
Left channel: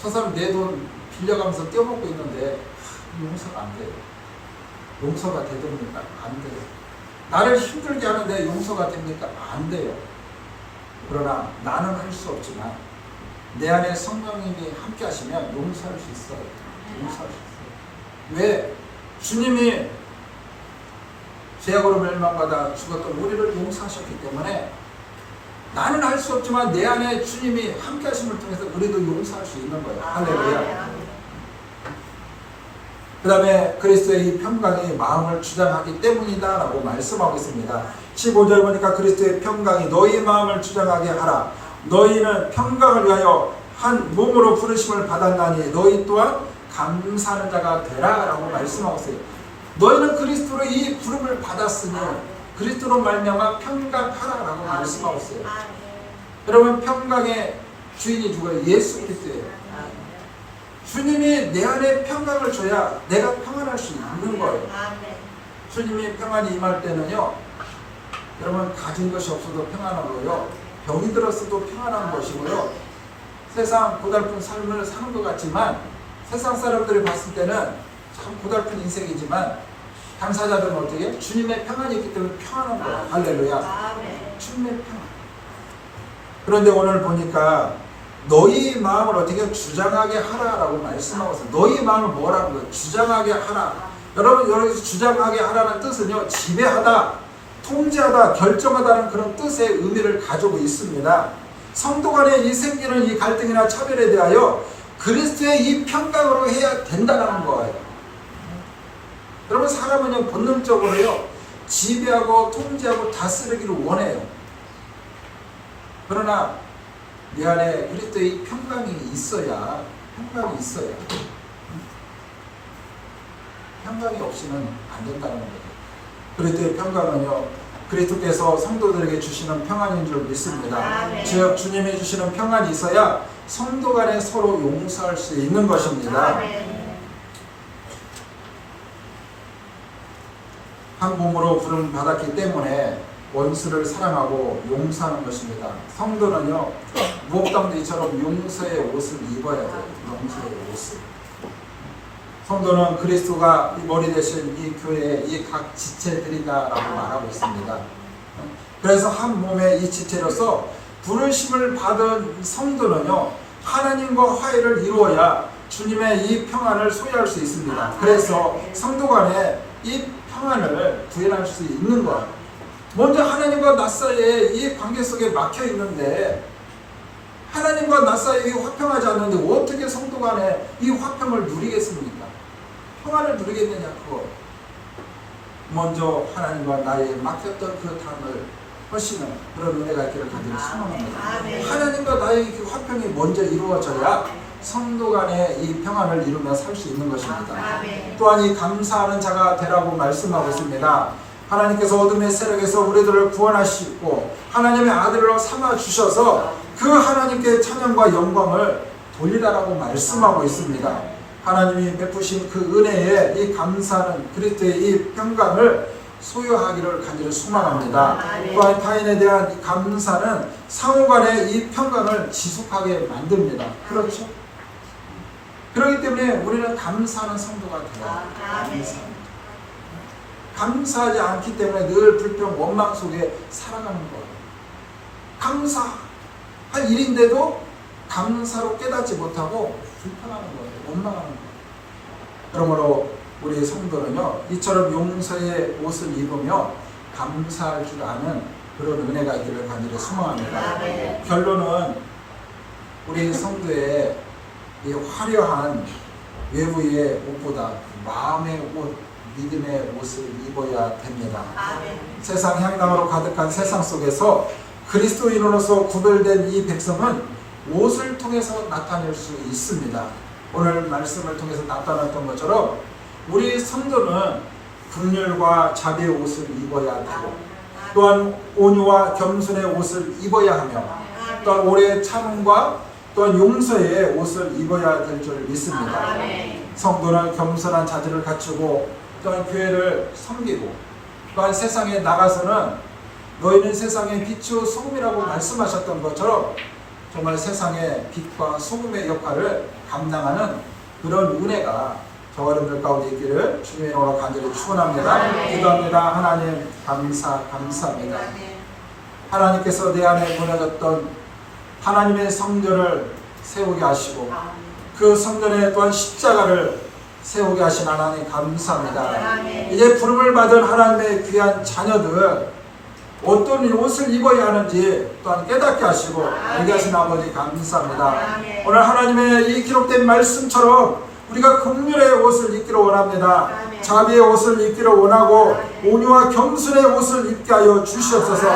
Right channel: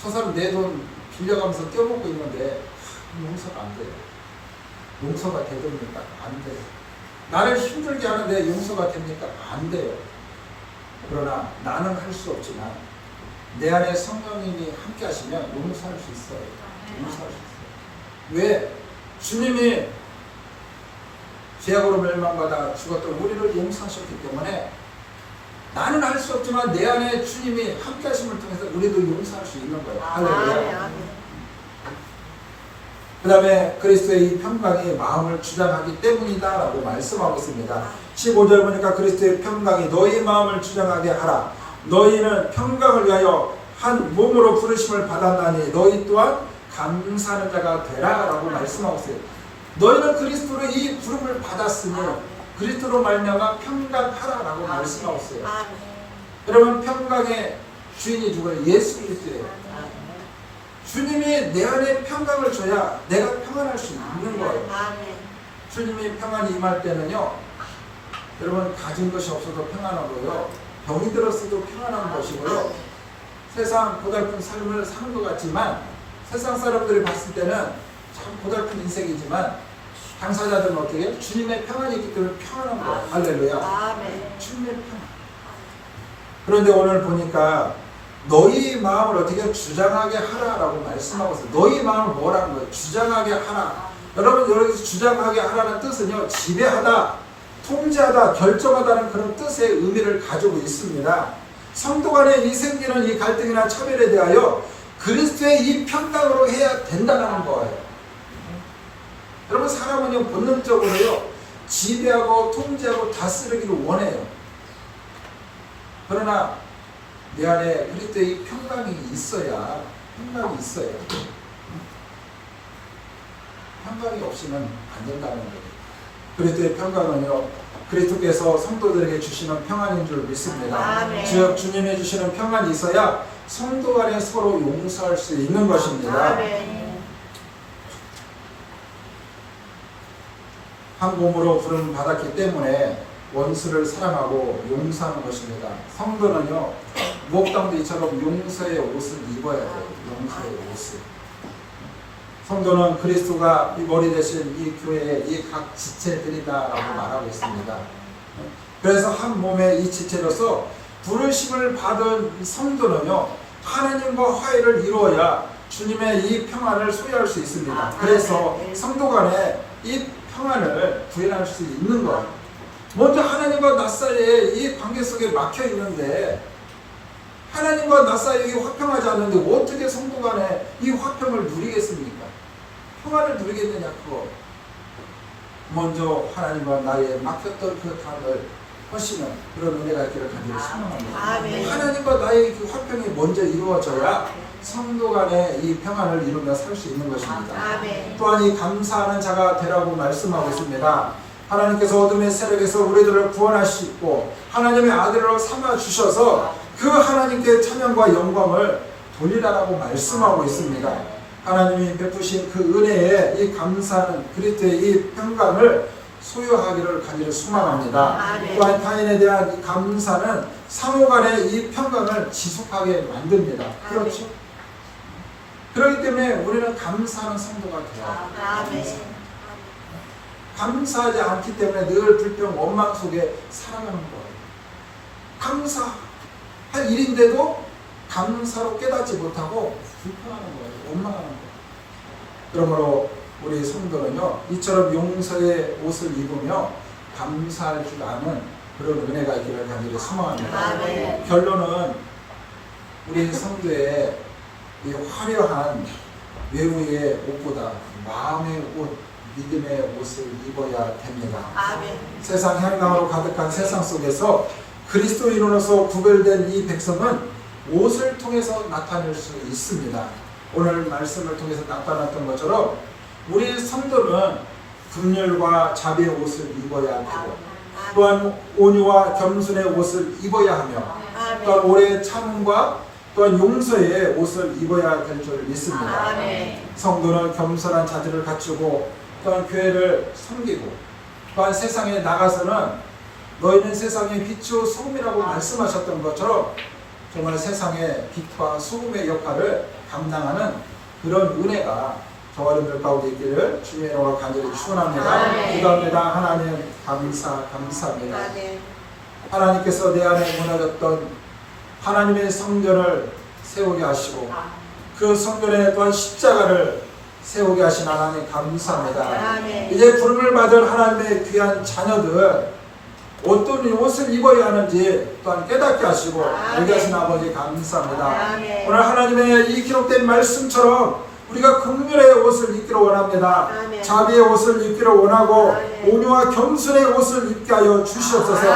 저 사람 내 돈 빌려가면서 떼어먹고 있는데 용서가 안 돼요. 용서가 되됩니까? 안 돼요. 나를 힘들게 하는데 용서가 됩니까? 안 돼요. 그러나 나는 할 수 없지만 내 안에 성령님이 함께 하시면 용서할 수 있어요. 용서할 수 있어요. 왜? 주님이 죄악으로 멸망받아 죽었던 우리를 용서하셨기 때문에 나는 할 수 없지만 내 안에 주님이 함께 하심을 통해서 우리도 용서할 수 있는 거예요. 할렐루야. 그 다음에 그리스도의 이 평강이 마음을 주장하기 때문이다 라고 말씀하고 있습니다. 15절 보니까 그리스도의 평강이 너희 마음을 주장하게 하라. 너희는 평강을 위하여 한 몸으로 부르심을 받았나니 너희 또한 감사하는 자가 되라 라고 말씀하고 있어요. 너희는 그리스도로 이 부름을 받았으니 그리스도로 말미암아 평강하라 라고 말씀하고 있어요. 여러분, 평강의 주인이 누구예요? 예수 그리스도예요. 주님이 내 안에 평강을 줘야 내가 평안할 수 있는 거예요. 주님이 평안이 임할 때는요, 여러분, 가진 것이 없어도 평안한 거예요. 병이 들었어도 평안한 것이고요. 세상 고달픈 삶을 사는 것 같지만 세상 사람들이 봤을 때는 참 고달픈 인생이지만 당사자들은 어떻게 해요? 주님의 평안이 있기 때문에 평안한 거예요. 할렐루야. 주님의 평안. 그런데 오늘 보니까 너희 마음을 어떻게 주장하게 하라라고 말씀하고 있어요. 너희 마음을 뭐라는 거예요? 주장하게 하라. 여러분, 여기서 주장하게 하라는 뜻은요, 지배하다, 통제하다, 결정하다는 그런 뜻의 의미를 가지고 있습니다. 성도 간에 이 생기는 이 갈등이나 차별에 대하여 그리스도의 이 평강으로 해야 된다는 거예요. 여러분, 사람은요, 본능적으로요, 지배하고 통제하고 다스리기를 원해요. 그러나 내 안에 그리스도의 평강이 있어야, 평강이 있어요. 평강이 없이는 안 된다는 거예요. 그리스도의 평강은요, 그리스도께서 성도들에게 주시는 평안인 줄 믿습니다. 즉 주님이 주시는 평안이 있어야 성도 간에 서로 용서할 수 있는 것입니다. 한 몸으로 부름을 받았기 때문에 원수를 사랑하고 용서하는 것입니다. 성도는요, 무옥당대처럼 용서의 옷을 입어야 돼요. 용서의 옷을. 성도는 그리스도가 이 머리 대신 이 교회의 이 각 지체들이다라고 말하고 있습니다. 그래서 한 몸의 이 지체로서 부르심을 받은 성도는요, 하나님과 화해를 이루어야 주님의 이 평안을 소유할 수 있습니다. 그래서 성도 간에 이 평안을 구현할 수 있는 거예요. 먼저 하나님과 나 사이에 이 관계 속에 막혀 있는데, 하나님과 나 사이에 화평하지 않는데 어떻게 성도 간에 이 화평을 누리겠습니까? 평안을 누리겠느냐? 그거 먼저 하나님과 나의 막혔던 그 담을 허시는 그런 은혜가 있기를 간절히 소망합니다. 하나님과 나의 그 화평이 먼저 이루어져야 성도 간에 이 평안을 이루며 살 수 있는 것입니다. 또한 이 감사하는 자가 되라고 말씀하고 있습니다. 하나님께서 어둠의 세력에서 우리들을 구원하시고 하나님의 아들로 삼아 주셔서 그 하나님께 찬양과 영광을 돌리라고 말씀하고 있습니다. 하나님이 베푸신 그 은혜에 이 감사는 그리스도의 이 평강을 소유하기를 간절히 소망합니다. 또한 타인에 대한 이 감사는 상호 간의 이 평강을 지속하게 만듭니다. 그렇죠? 그렇기 때문에 우리는 감사하는 성도가 되어야 돼요. 감사하지 않기 때문에 늘 불평, 원망 속에 살아가는 거예요. 감사할 일인데도 감사로 깨닫지 못하고 불평하는 거예요. 원망하는 거예요. 그러므로 우리 성도는요, 이처럼 용서의 옷을 입으며 감사할 줄 아는 그런 은혜가 있기를 간절히 소망합니다. 결론은 우리 성도의 이 화려한 외부의 옷보다 마음의 옷, 믿음의 옷을 입어야 됩니다. 세상 향강으로 가득한 세상 속에서 그리스도인으로서 구별된 이 백성은 옷을 통해서 나타낼 수 있습니다. 오늘 말씀을 통해서 나타났던 것처럼 우리 성도는 긍휼과 자비의 옷을 입어야 되고, 또한 온유와 겸손의 옷을 입어야 하며, 또한 오래 참음과 또한 용서의 옷을 입어야 될 줄 믿습니다. 성도는 겸손한 자질을 갖추고 또한 교회를 섬기고, 또한 세상에 나가서는 너희는 세상의 빛이요 소금이라고 말씀하셨던 것처럼 정말 세상의 빛과 소금의 역할을 감당하는 그런 은혜가 저 어른들 가운데 있기를 주님의 이름으로 간절히 축원합니다. 기도합니다. 하나님 감사합니다. 하나님께서 내 안에 무너졌던 하나님의 성전을 세우게 하시고 그 성전에 또한 십자가를 세우게 하신 하나님 감사합니다. 이제 부름을 받은 하나님의 귀한 자녀들, 어떤 옷을 입어야 하는지 또한 깨닫게 하시고 알게 하신 아버지 감사합니다. 오늘 하나님의 이 기록된 말씀처럼 우리가 긍휼의 옷을 입기를 원합니다. 자비의 옷을 입기를 원하고 온유와 겸손의 옷을 입게 하여 주시옵소서.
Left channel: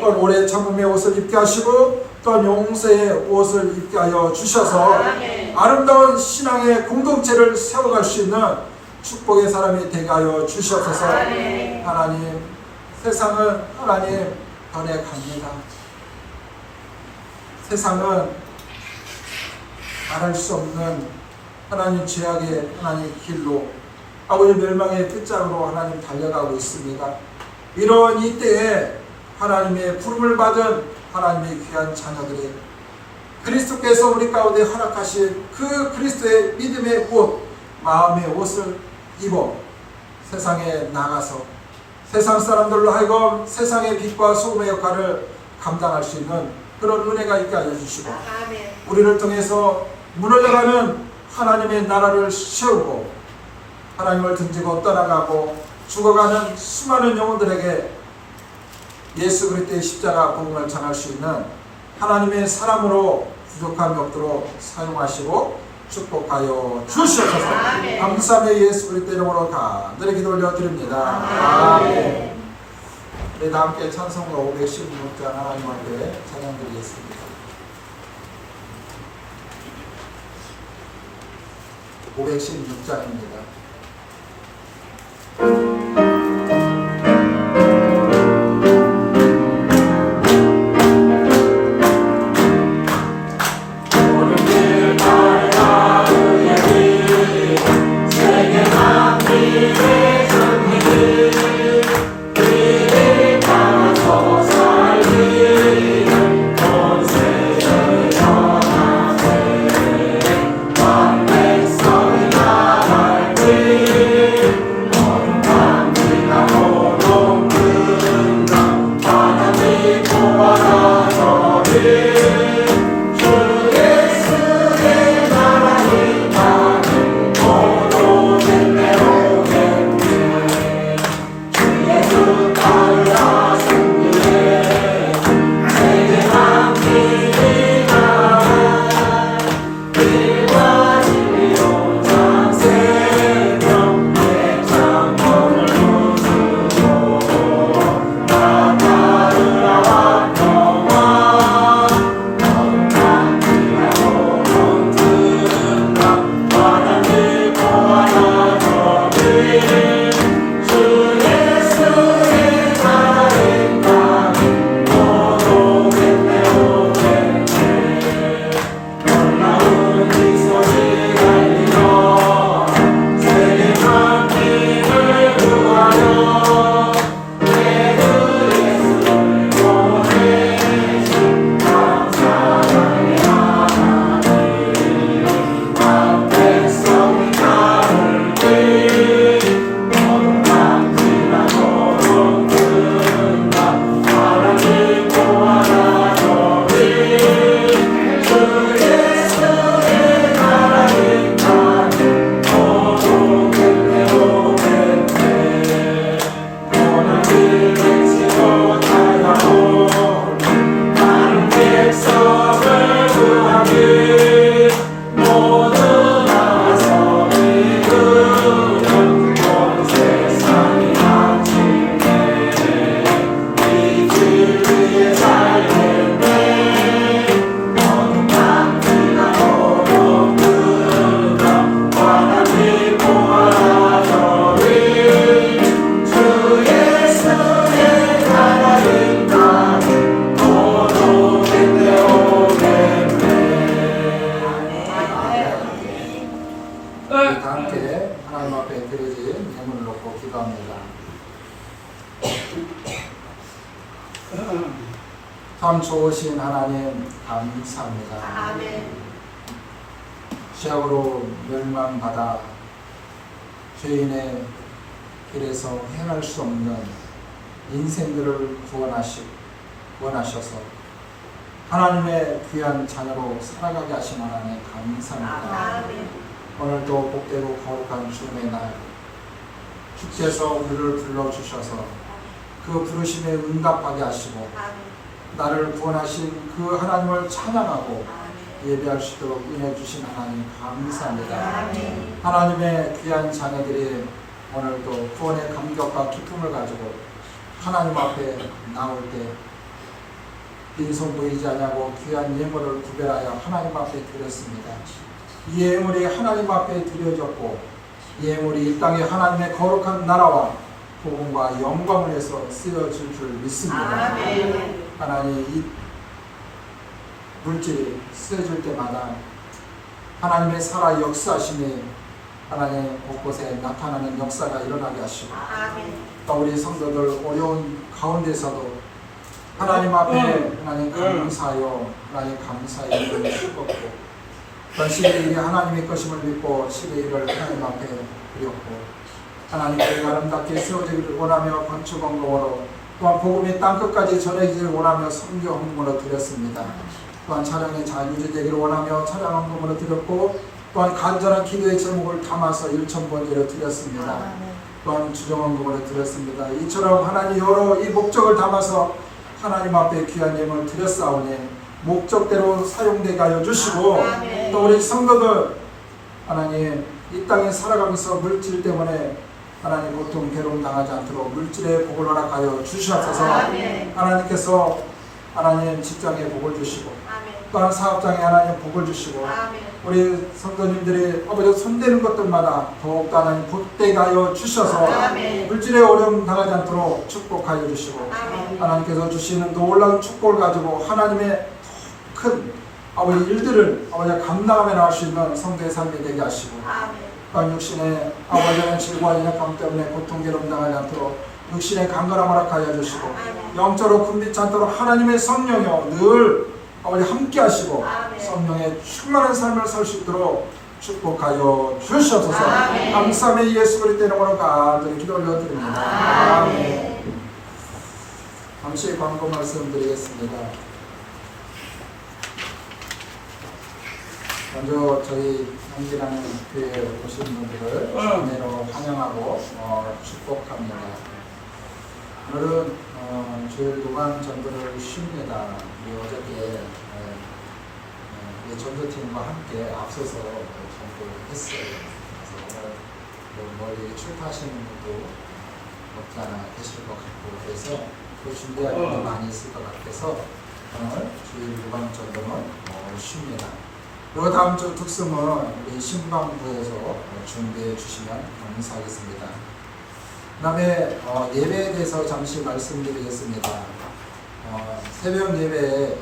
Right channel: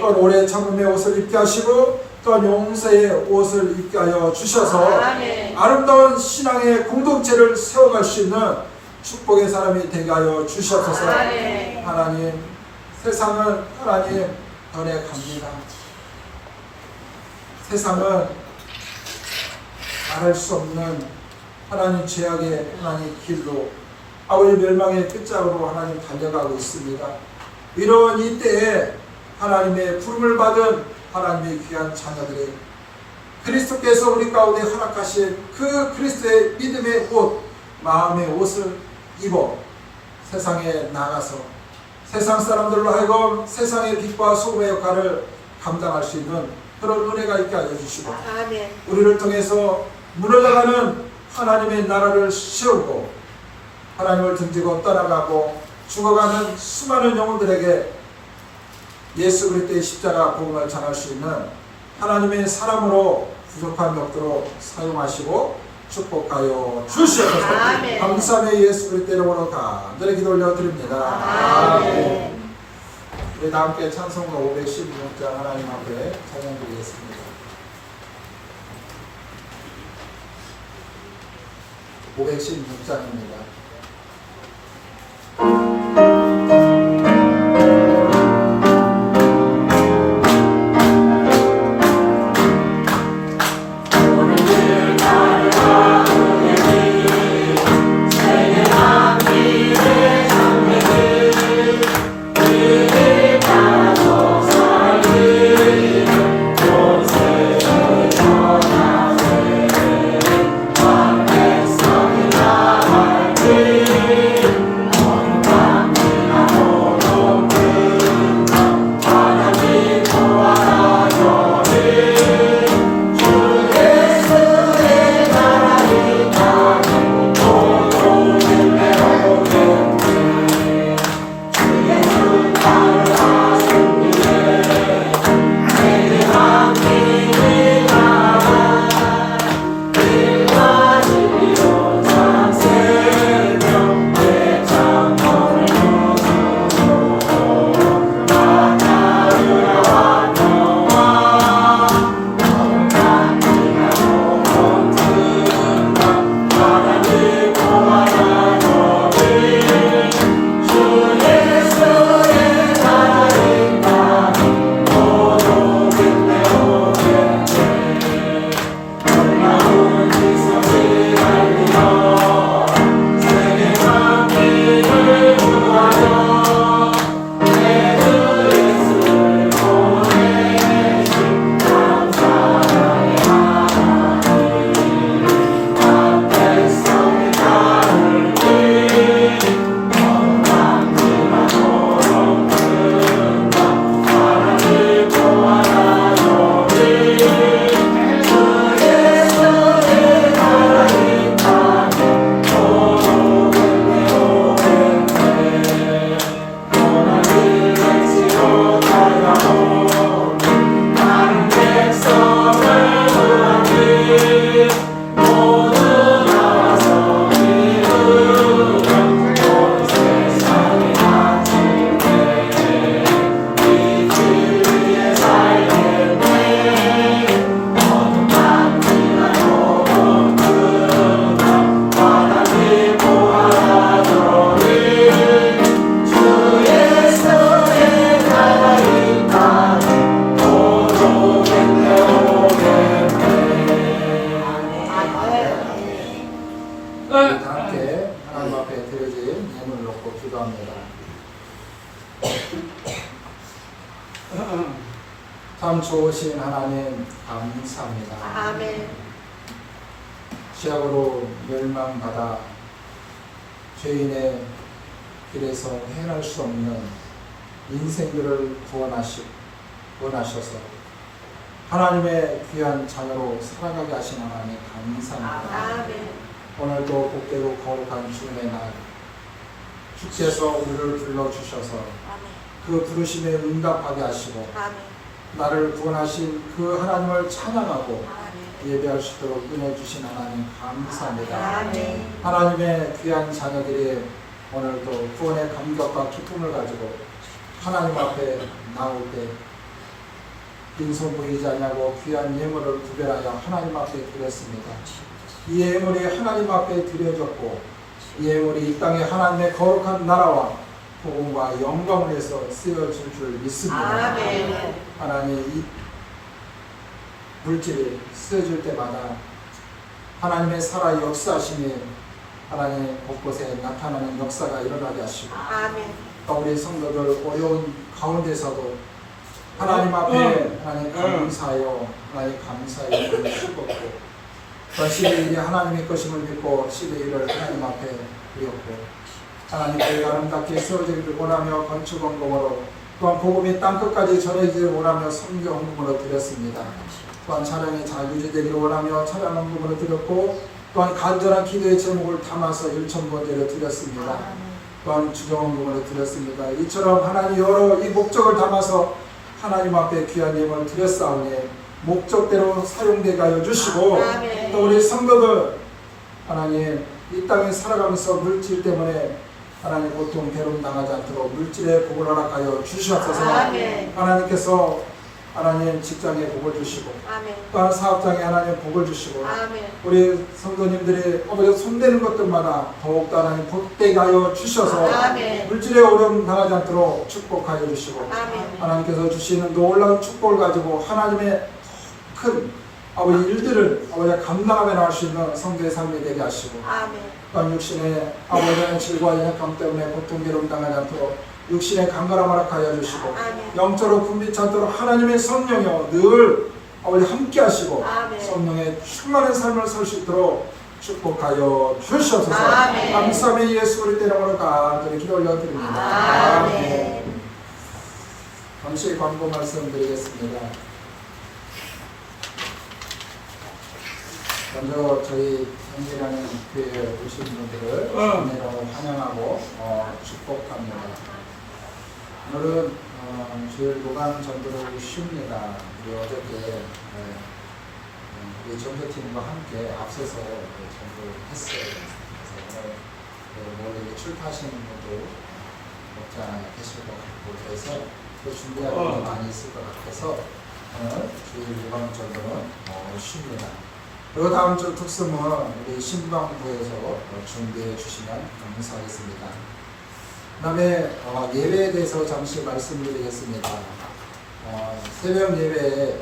또한 오래 참음의 옷을 입게 하시고 또한 용서의 옷을 입게 하여 주셔서 아름다운 신앙의 공동체를 세워갈 수 있는 축복의 사람이 되게 하여 주시옵소서. 하나님, 세상은 하나님 변해갑니다. 세상은 말할 수 없는 하나님 죄악의 하나님 길로 아버지 멸망의 끝자락으로 하나님 달려가고 있습니다. 이런 이때에 하나님의 부름을 받은 하나님의 귀한 자녀들이 그리스도께서 우리 가운데 허락하신 그 그리스도의 믿음의 옷, 마음의 옷을 입어 세상에 나가서 세상 사람들로 하여금 세상의 빛과 소금의 역할을 감당할 수 있는 그런 은혜가 있게 하여 주시고 우리를 통해서 무너져가는 하나님의 나라를 세우고 하나님을 등지고 떠나가고 죽어가는 수많은 영혼들에게 예수 그리스도의 십자가 복음을 전할 수 있는 하나님의 사람으로 부족한 것들로 사용하시고 축복하여 주시옵소서. 감사의 예수 그리스도 이름으로 간절히 기도 올려드립니다. 아멘. 우리 다 함께 찬송가 516장 하나님 앞에 찬양드리겠습니다. 516장입니다. 참 좋으신 하나님 감사합니다. 아멘. 죄악으로 멸망받아 죄인의 길에서 헤어날 수 없는 인생들을 구원하셔서 하나님의 귀한 자녀로 살아가게 하신 하나님 감사합니다. 아멘. 오늘도 복되고 거룩한 주님의 날 축제에서 우리를 불러주셔서 그 부르심에 응답하게 하시고 나를 구원하신 그 하나님을 찬양하고 예배할 수 있도록 은혜 주신 하나님 감사합니다. 하나님의 귀한 자녀들이 오늘도 구원의 감격과 기쁨을 가지고 하나님 앞에 나올 때 빈손 보이지 않냐고 귀한 예물을 구별하여 하나님 앞에 드렸습니다. 이 예물이 하나님 앞에 드려졌고 이 예물이 이 땅에 하나님의 거룩한 나라와 복음과 영광을 위해서 쓰여질 줄 믿습니다. 하나님 이 물질이 쓰여질 때마다 하나님의 살아 역사심이 하나님 곳곳에 나타나는 역사가 일어나게 하시고 또 우리 성도들 어려운 가운데서도 하나님 앞에 하나님 감사하여 하나님 감사의 눈을 씹었고 전 시대의 일이 하나님의 것임을 믿고 시대의 일을 하나님 앞에 드렸고 하나님께 아름답게 세워지기를 원하며 건축 헌금으로 또한 복음이 땅끝까지 전해지기를 원하며 선교 헌금으로 드렸습니다. 또한 찬양이 잘 유지되기를 원하며 찬양 헌금으로 드렸고 또한 간절한 기도의 제목을 담아서 1,000번제로 드렸습니다. 또한 주경 헌금으로 드렸습니다. 이처럼 하나님 여러 이 목적을 담아서 하나님 앞에 귀한 예물을 드렸사오니 목적대로 사용되게 하여 주시고 또 우리 성도들 하나님 이 땅에 살아가면서 물질 때문에 하나님 고통 괴로움 당하지 않도록 물질의 복을 허락하여 주시옵소서. 하나님께서 하나님 직장에 복을 주시고 또한 사업장에 하나님 복을 주시고 우리 성도님들이 아버지 손대는 것들마다 더욱더 하나님 복되게 하여 주셔서 물질의 어려움 당하지 않도록 축복하여 주시고 하나님께서 주시는 놀라운 축복을 가지고 하나님의 큰 아버지 일들을 아버지 감당하며 나갈 수 있는 성도의 삶이 되게 하시고 또한 육신의 아버지의 질과 연약함 때문에 고통 괴로움 당하지 않도록 육신의 강건함을 허락하여 주시고 영적으로 굶기지 않도록 하나님의 성령이여 늘 아버지 함께 하시고 성령의 충만한 삶을 살 수 있도록 축복하여 주시옵소서. 감사하며 예수 그리스도의 이름으로 간절히 기도 올려드립니다. 아멘. 잠시 광고 말씀드리겠습니다. 먼저 저희 현지라는 교회에 오신 분들을 은혜로 환영하고 축복합니다. 오늘은 주일 노방 전도를 쉽니다. 우리 어저께 우리 전도팀과 함께 앞서서 전도했어요. 그래서 오늘 멀리 출타하시는 분도 없지 않아 계실 것 같고 그래서 또 준비할 일이 많이 있을 것 같아서 오늘 주일 노방 전도는 쉽니다. 그 다음 주 특성은 우리 신방부에서 준비해 주시면 감사하겠습니다. 그 다음에 예배에 대해서 잠시 말씀드리겠습니다. 새벽 예배에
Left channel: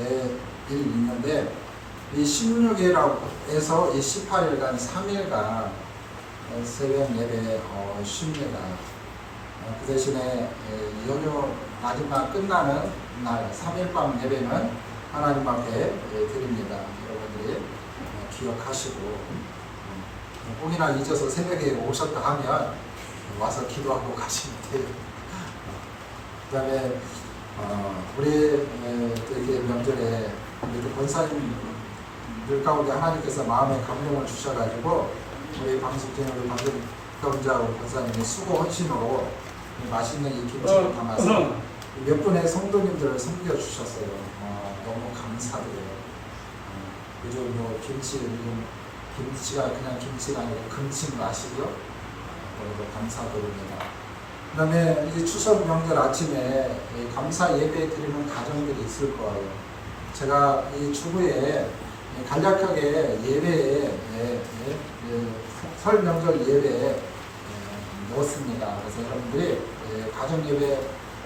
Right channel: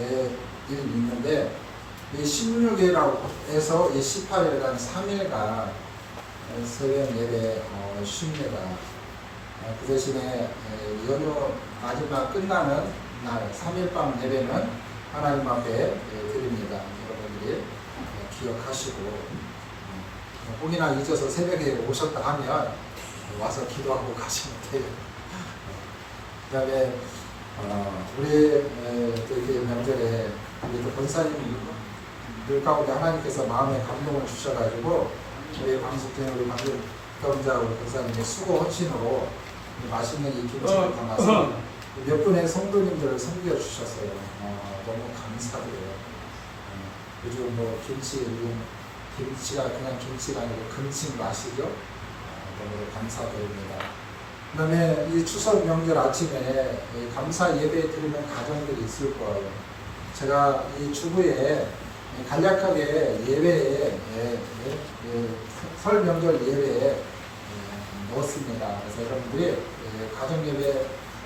내일 있는데 이 16일에서 이 18일간 3일간 새벽 예배 쉽니다. 그 대신에 연휴 마지막 끝나는 날 3일 밤 예배는 하나님 앞에 드립니다. 여러분들이 기억하시고 혹이나 잊어서 새벽에 오셨다 하면 와서 기도하고 가시면 돼요. 그 다음에 우리 또 이렇게 명절에 우리 권사님들 가운데 하나님께서 마음에 감동을 주셔가지고 우리 방송팀 우리 방금 가운자 권사님의 수고 헌신으로 맛있는 이 김치를 담아서 몇 분의 성도님들을 섬겨주셨어요. 너무 감사드려요. 요즘 김치가 그냥 김치가 아니고 금치인 아시죠? 너무 감사드립니다. 그 다음에 이 추석 명절 아침에 감사 예배 드리는 가정들이 있을 거예요. 제가 이 주부에 간략하게 예배에 설 명절 예배에 넣었습니다. 그래서 여러분들이 가정 예배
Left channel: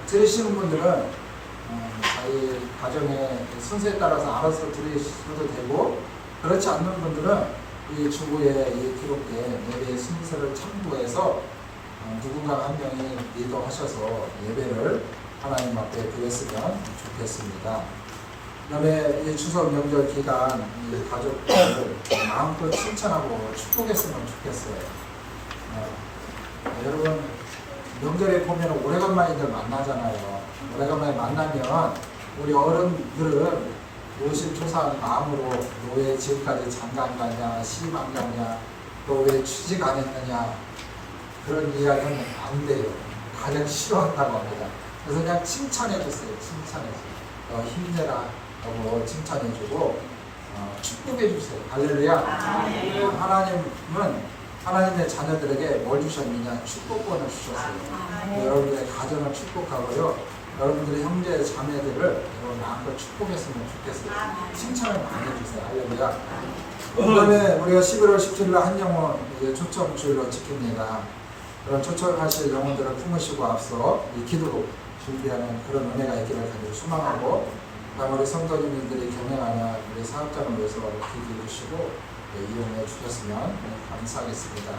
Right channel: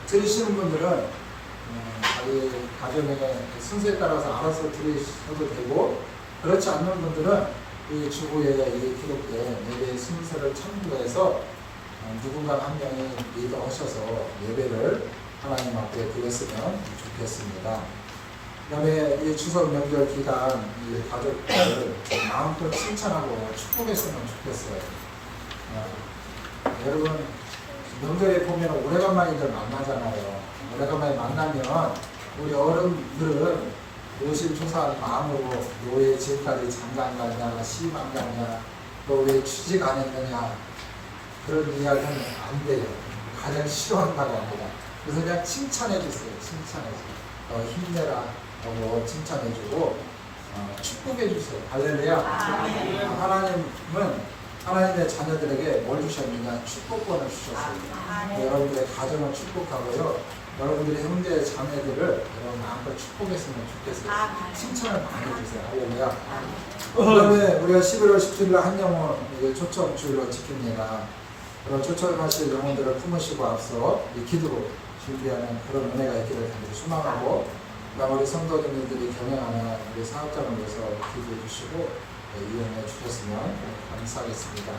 드리시는 분들은 저희 가정의 순서에 따라서 알아서 드리셔도 되고 그렇지 않는 분들은 이 주부에 기록된 예배 순서를 참고해서 누군가 한 명이 리더하셔서 예배를 하나님 앞에 드렸으면 좋겠습니다. 그 다음에 이 추석 명절 기간 이 가족들을 마음껏 칭찬하고 축복했으면 좋겠어요. 여러분 명절에 보면 오래간만이들 만나잖아요. 오래간만에 만나면 우리 어른들은 노심초사한 마음으로 너 왜 지금까지 장가 안 가냐, 시집 안 가냐, 너 왜 취직 안 했느냐 그런 이야기하면 안 돼요. 가장 싫어한다고 합니다. 그래서 그냥 칭찬해 주세요. 칭찬해 주세요. 힘내라 라고 칭찬해 주고 축복해 주세요. 할렐루야. 하나님은 하나님의 자녀들에게 뭘 주셨느냐? 축복권을 주셨어요. 여러분들의 가정을 축복하고요. 여러분들의 형제 자매들을 여러분 마음껏 축복했으면 좋겠어요. 칭찬을 많이 해주세요. 할렐루야. 그 다음에 우리가 11월 17일 한 영혼 이제 초청주일로 지킵니다. 그런 초청하실 영혼들을 품으시고 앞서 이 기도로 준비하는 그런 은혜가 있기를 간절히 소망하고, 그다음 우리 성도님들이 경영하는 우리 사업장을 위해서 기도해 주시고 이용해 주셨으면 감사하겠습니다.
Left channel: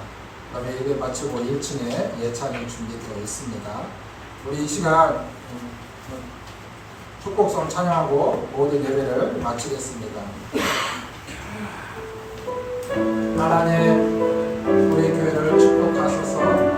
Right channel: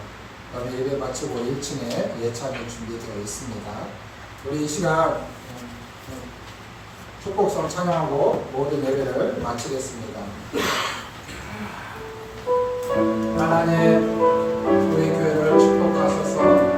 그 다음에 예배 마치고 1층에 예찬이 준비되어 있습니다. 우리 이 시간 축복성 찬양하고 모든 예배를 마치겠습니다. 하나님, 우리 교회를 축복하소서.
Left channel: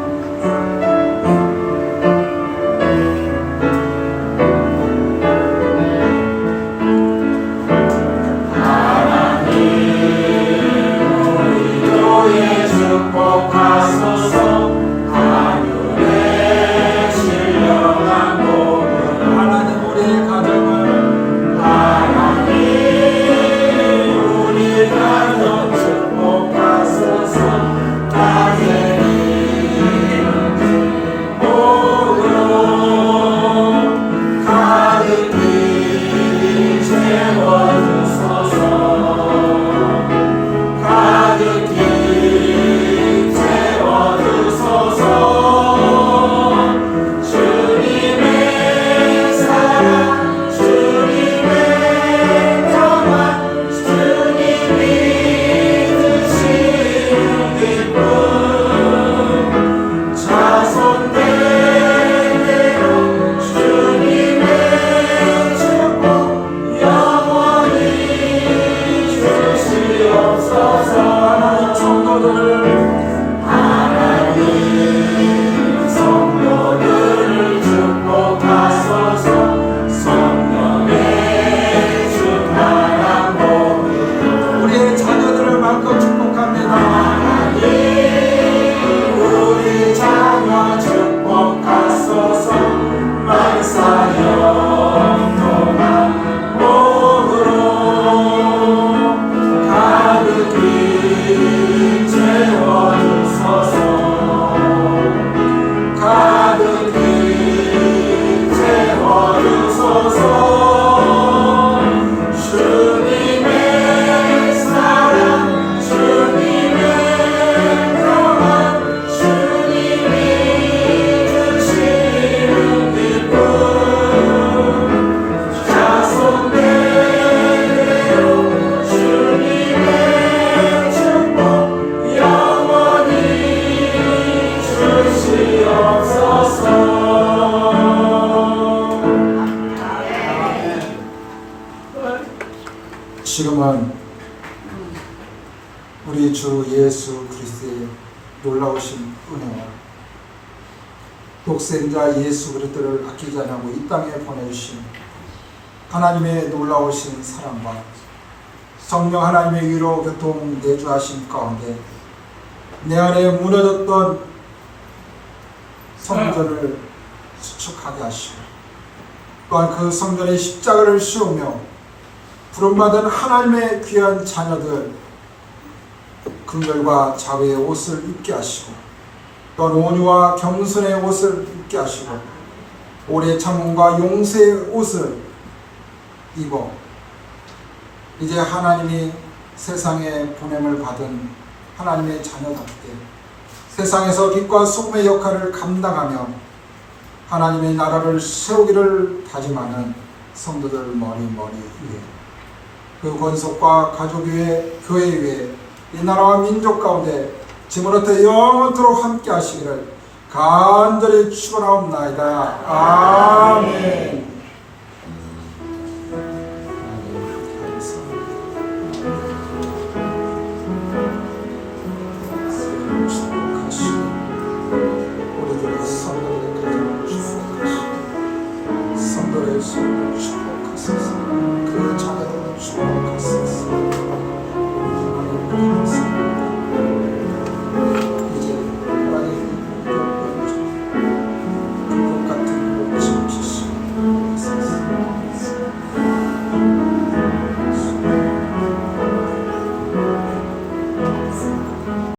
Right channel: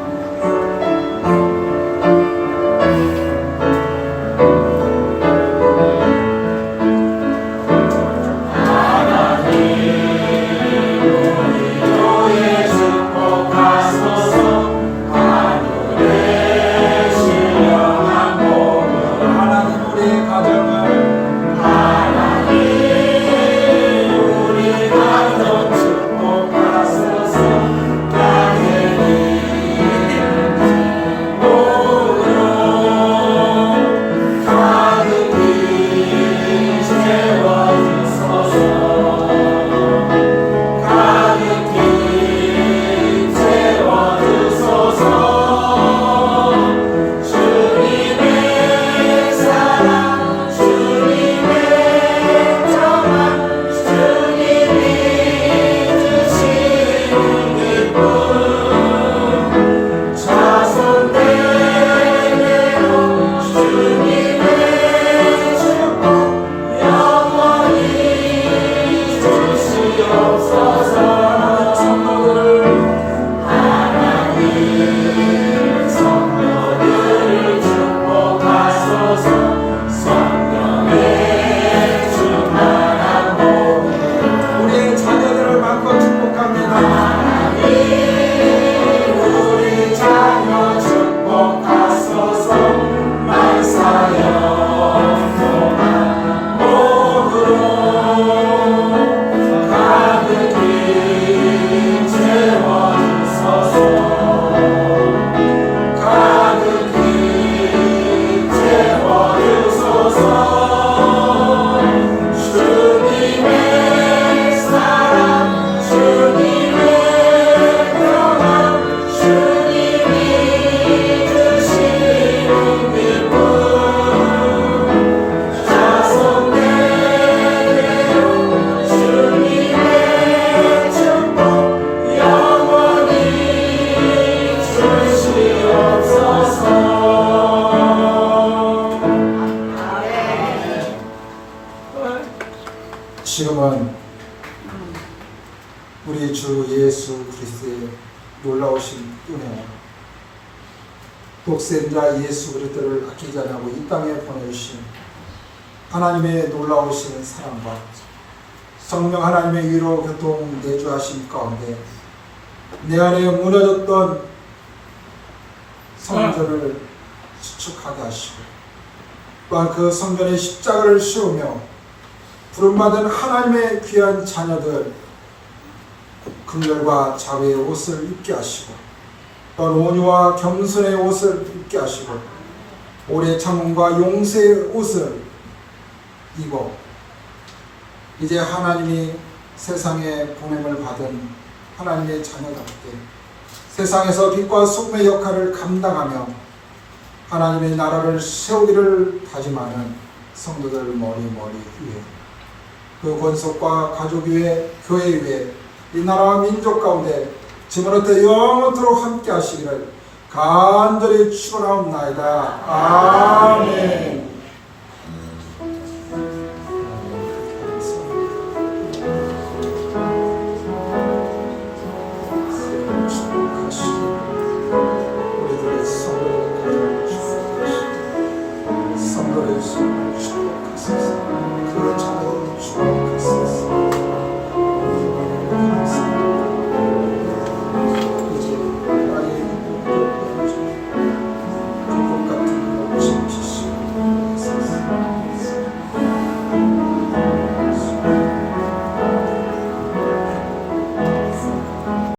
지금은 우리 주 예수 그리스도의 놀라우신 은혜와 독생자 예수 그리스도를 아끼지 않고 이 땅에 보내주신 하나님의 놀라우신 사랑과 성령 하나님의 위로 교통 내주하신 가운데 내 안에 무너졌던 성전을 수축하게 하시고 또한 그 성전의 십자가를 씌우며 부름받은 하나님의 귀한 자녀들 긍휼과 자비의 옷을 입게 하시고 또 온유와 겸손의 옷을 입게 하시고 오래 참음과 용서의 옷을 입어 이제 하나님이 세상에 보냄을 받은 하나님의 자녀답게 세상에서 빛과 소금의 역할을 감당하며 하나님의 나라를 세우기를 다짐하는 성도들 머리 위에 그 권속과 가족 위에 교회 위에 이 나라와 민족 가운데 지금부터 영원토록 함께 하시기를 간절히 축원하옵나이다. 아멘.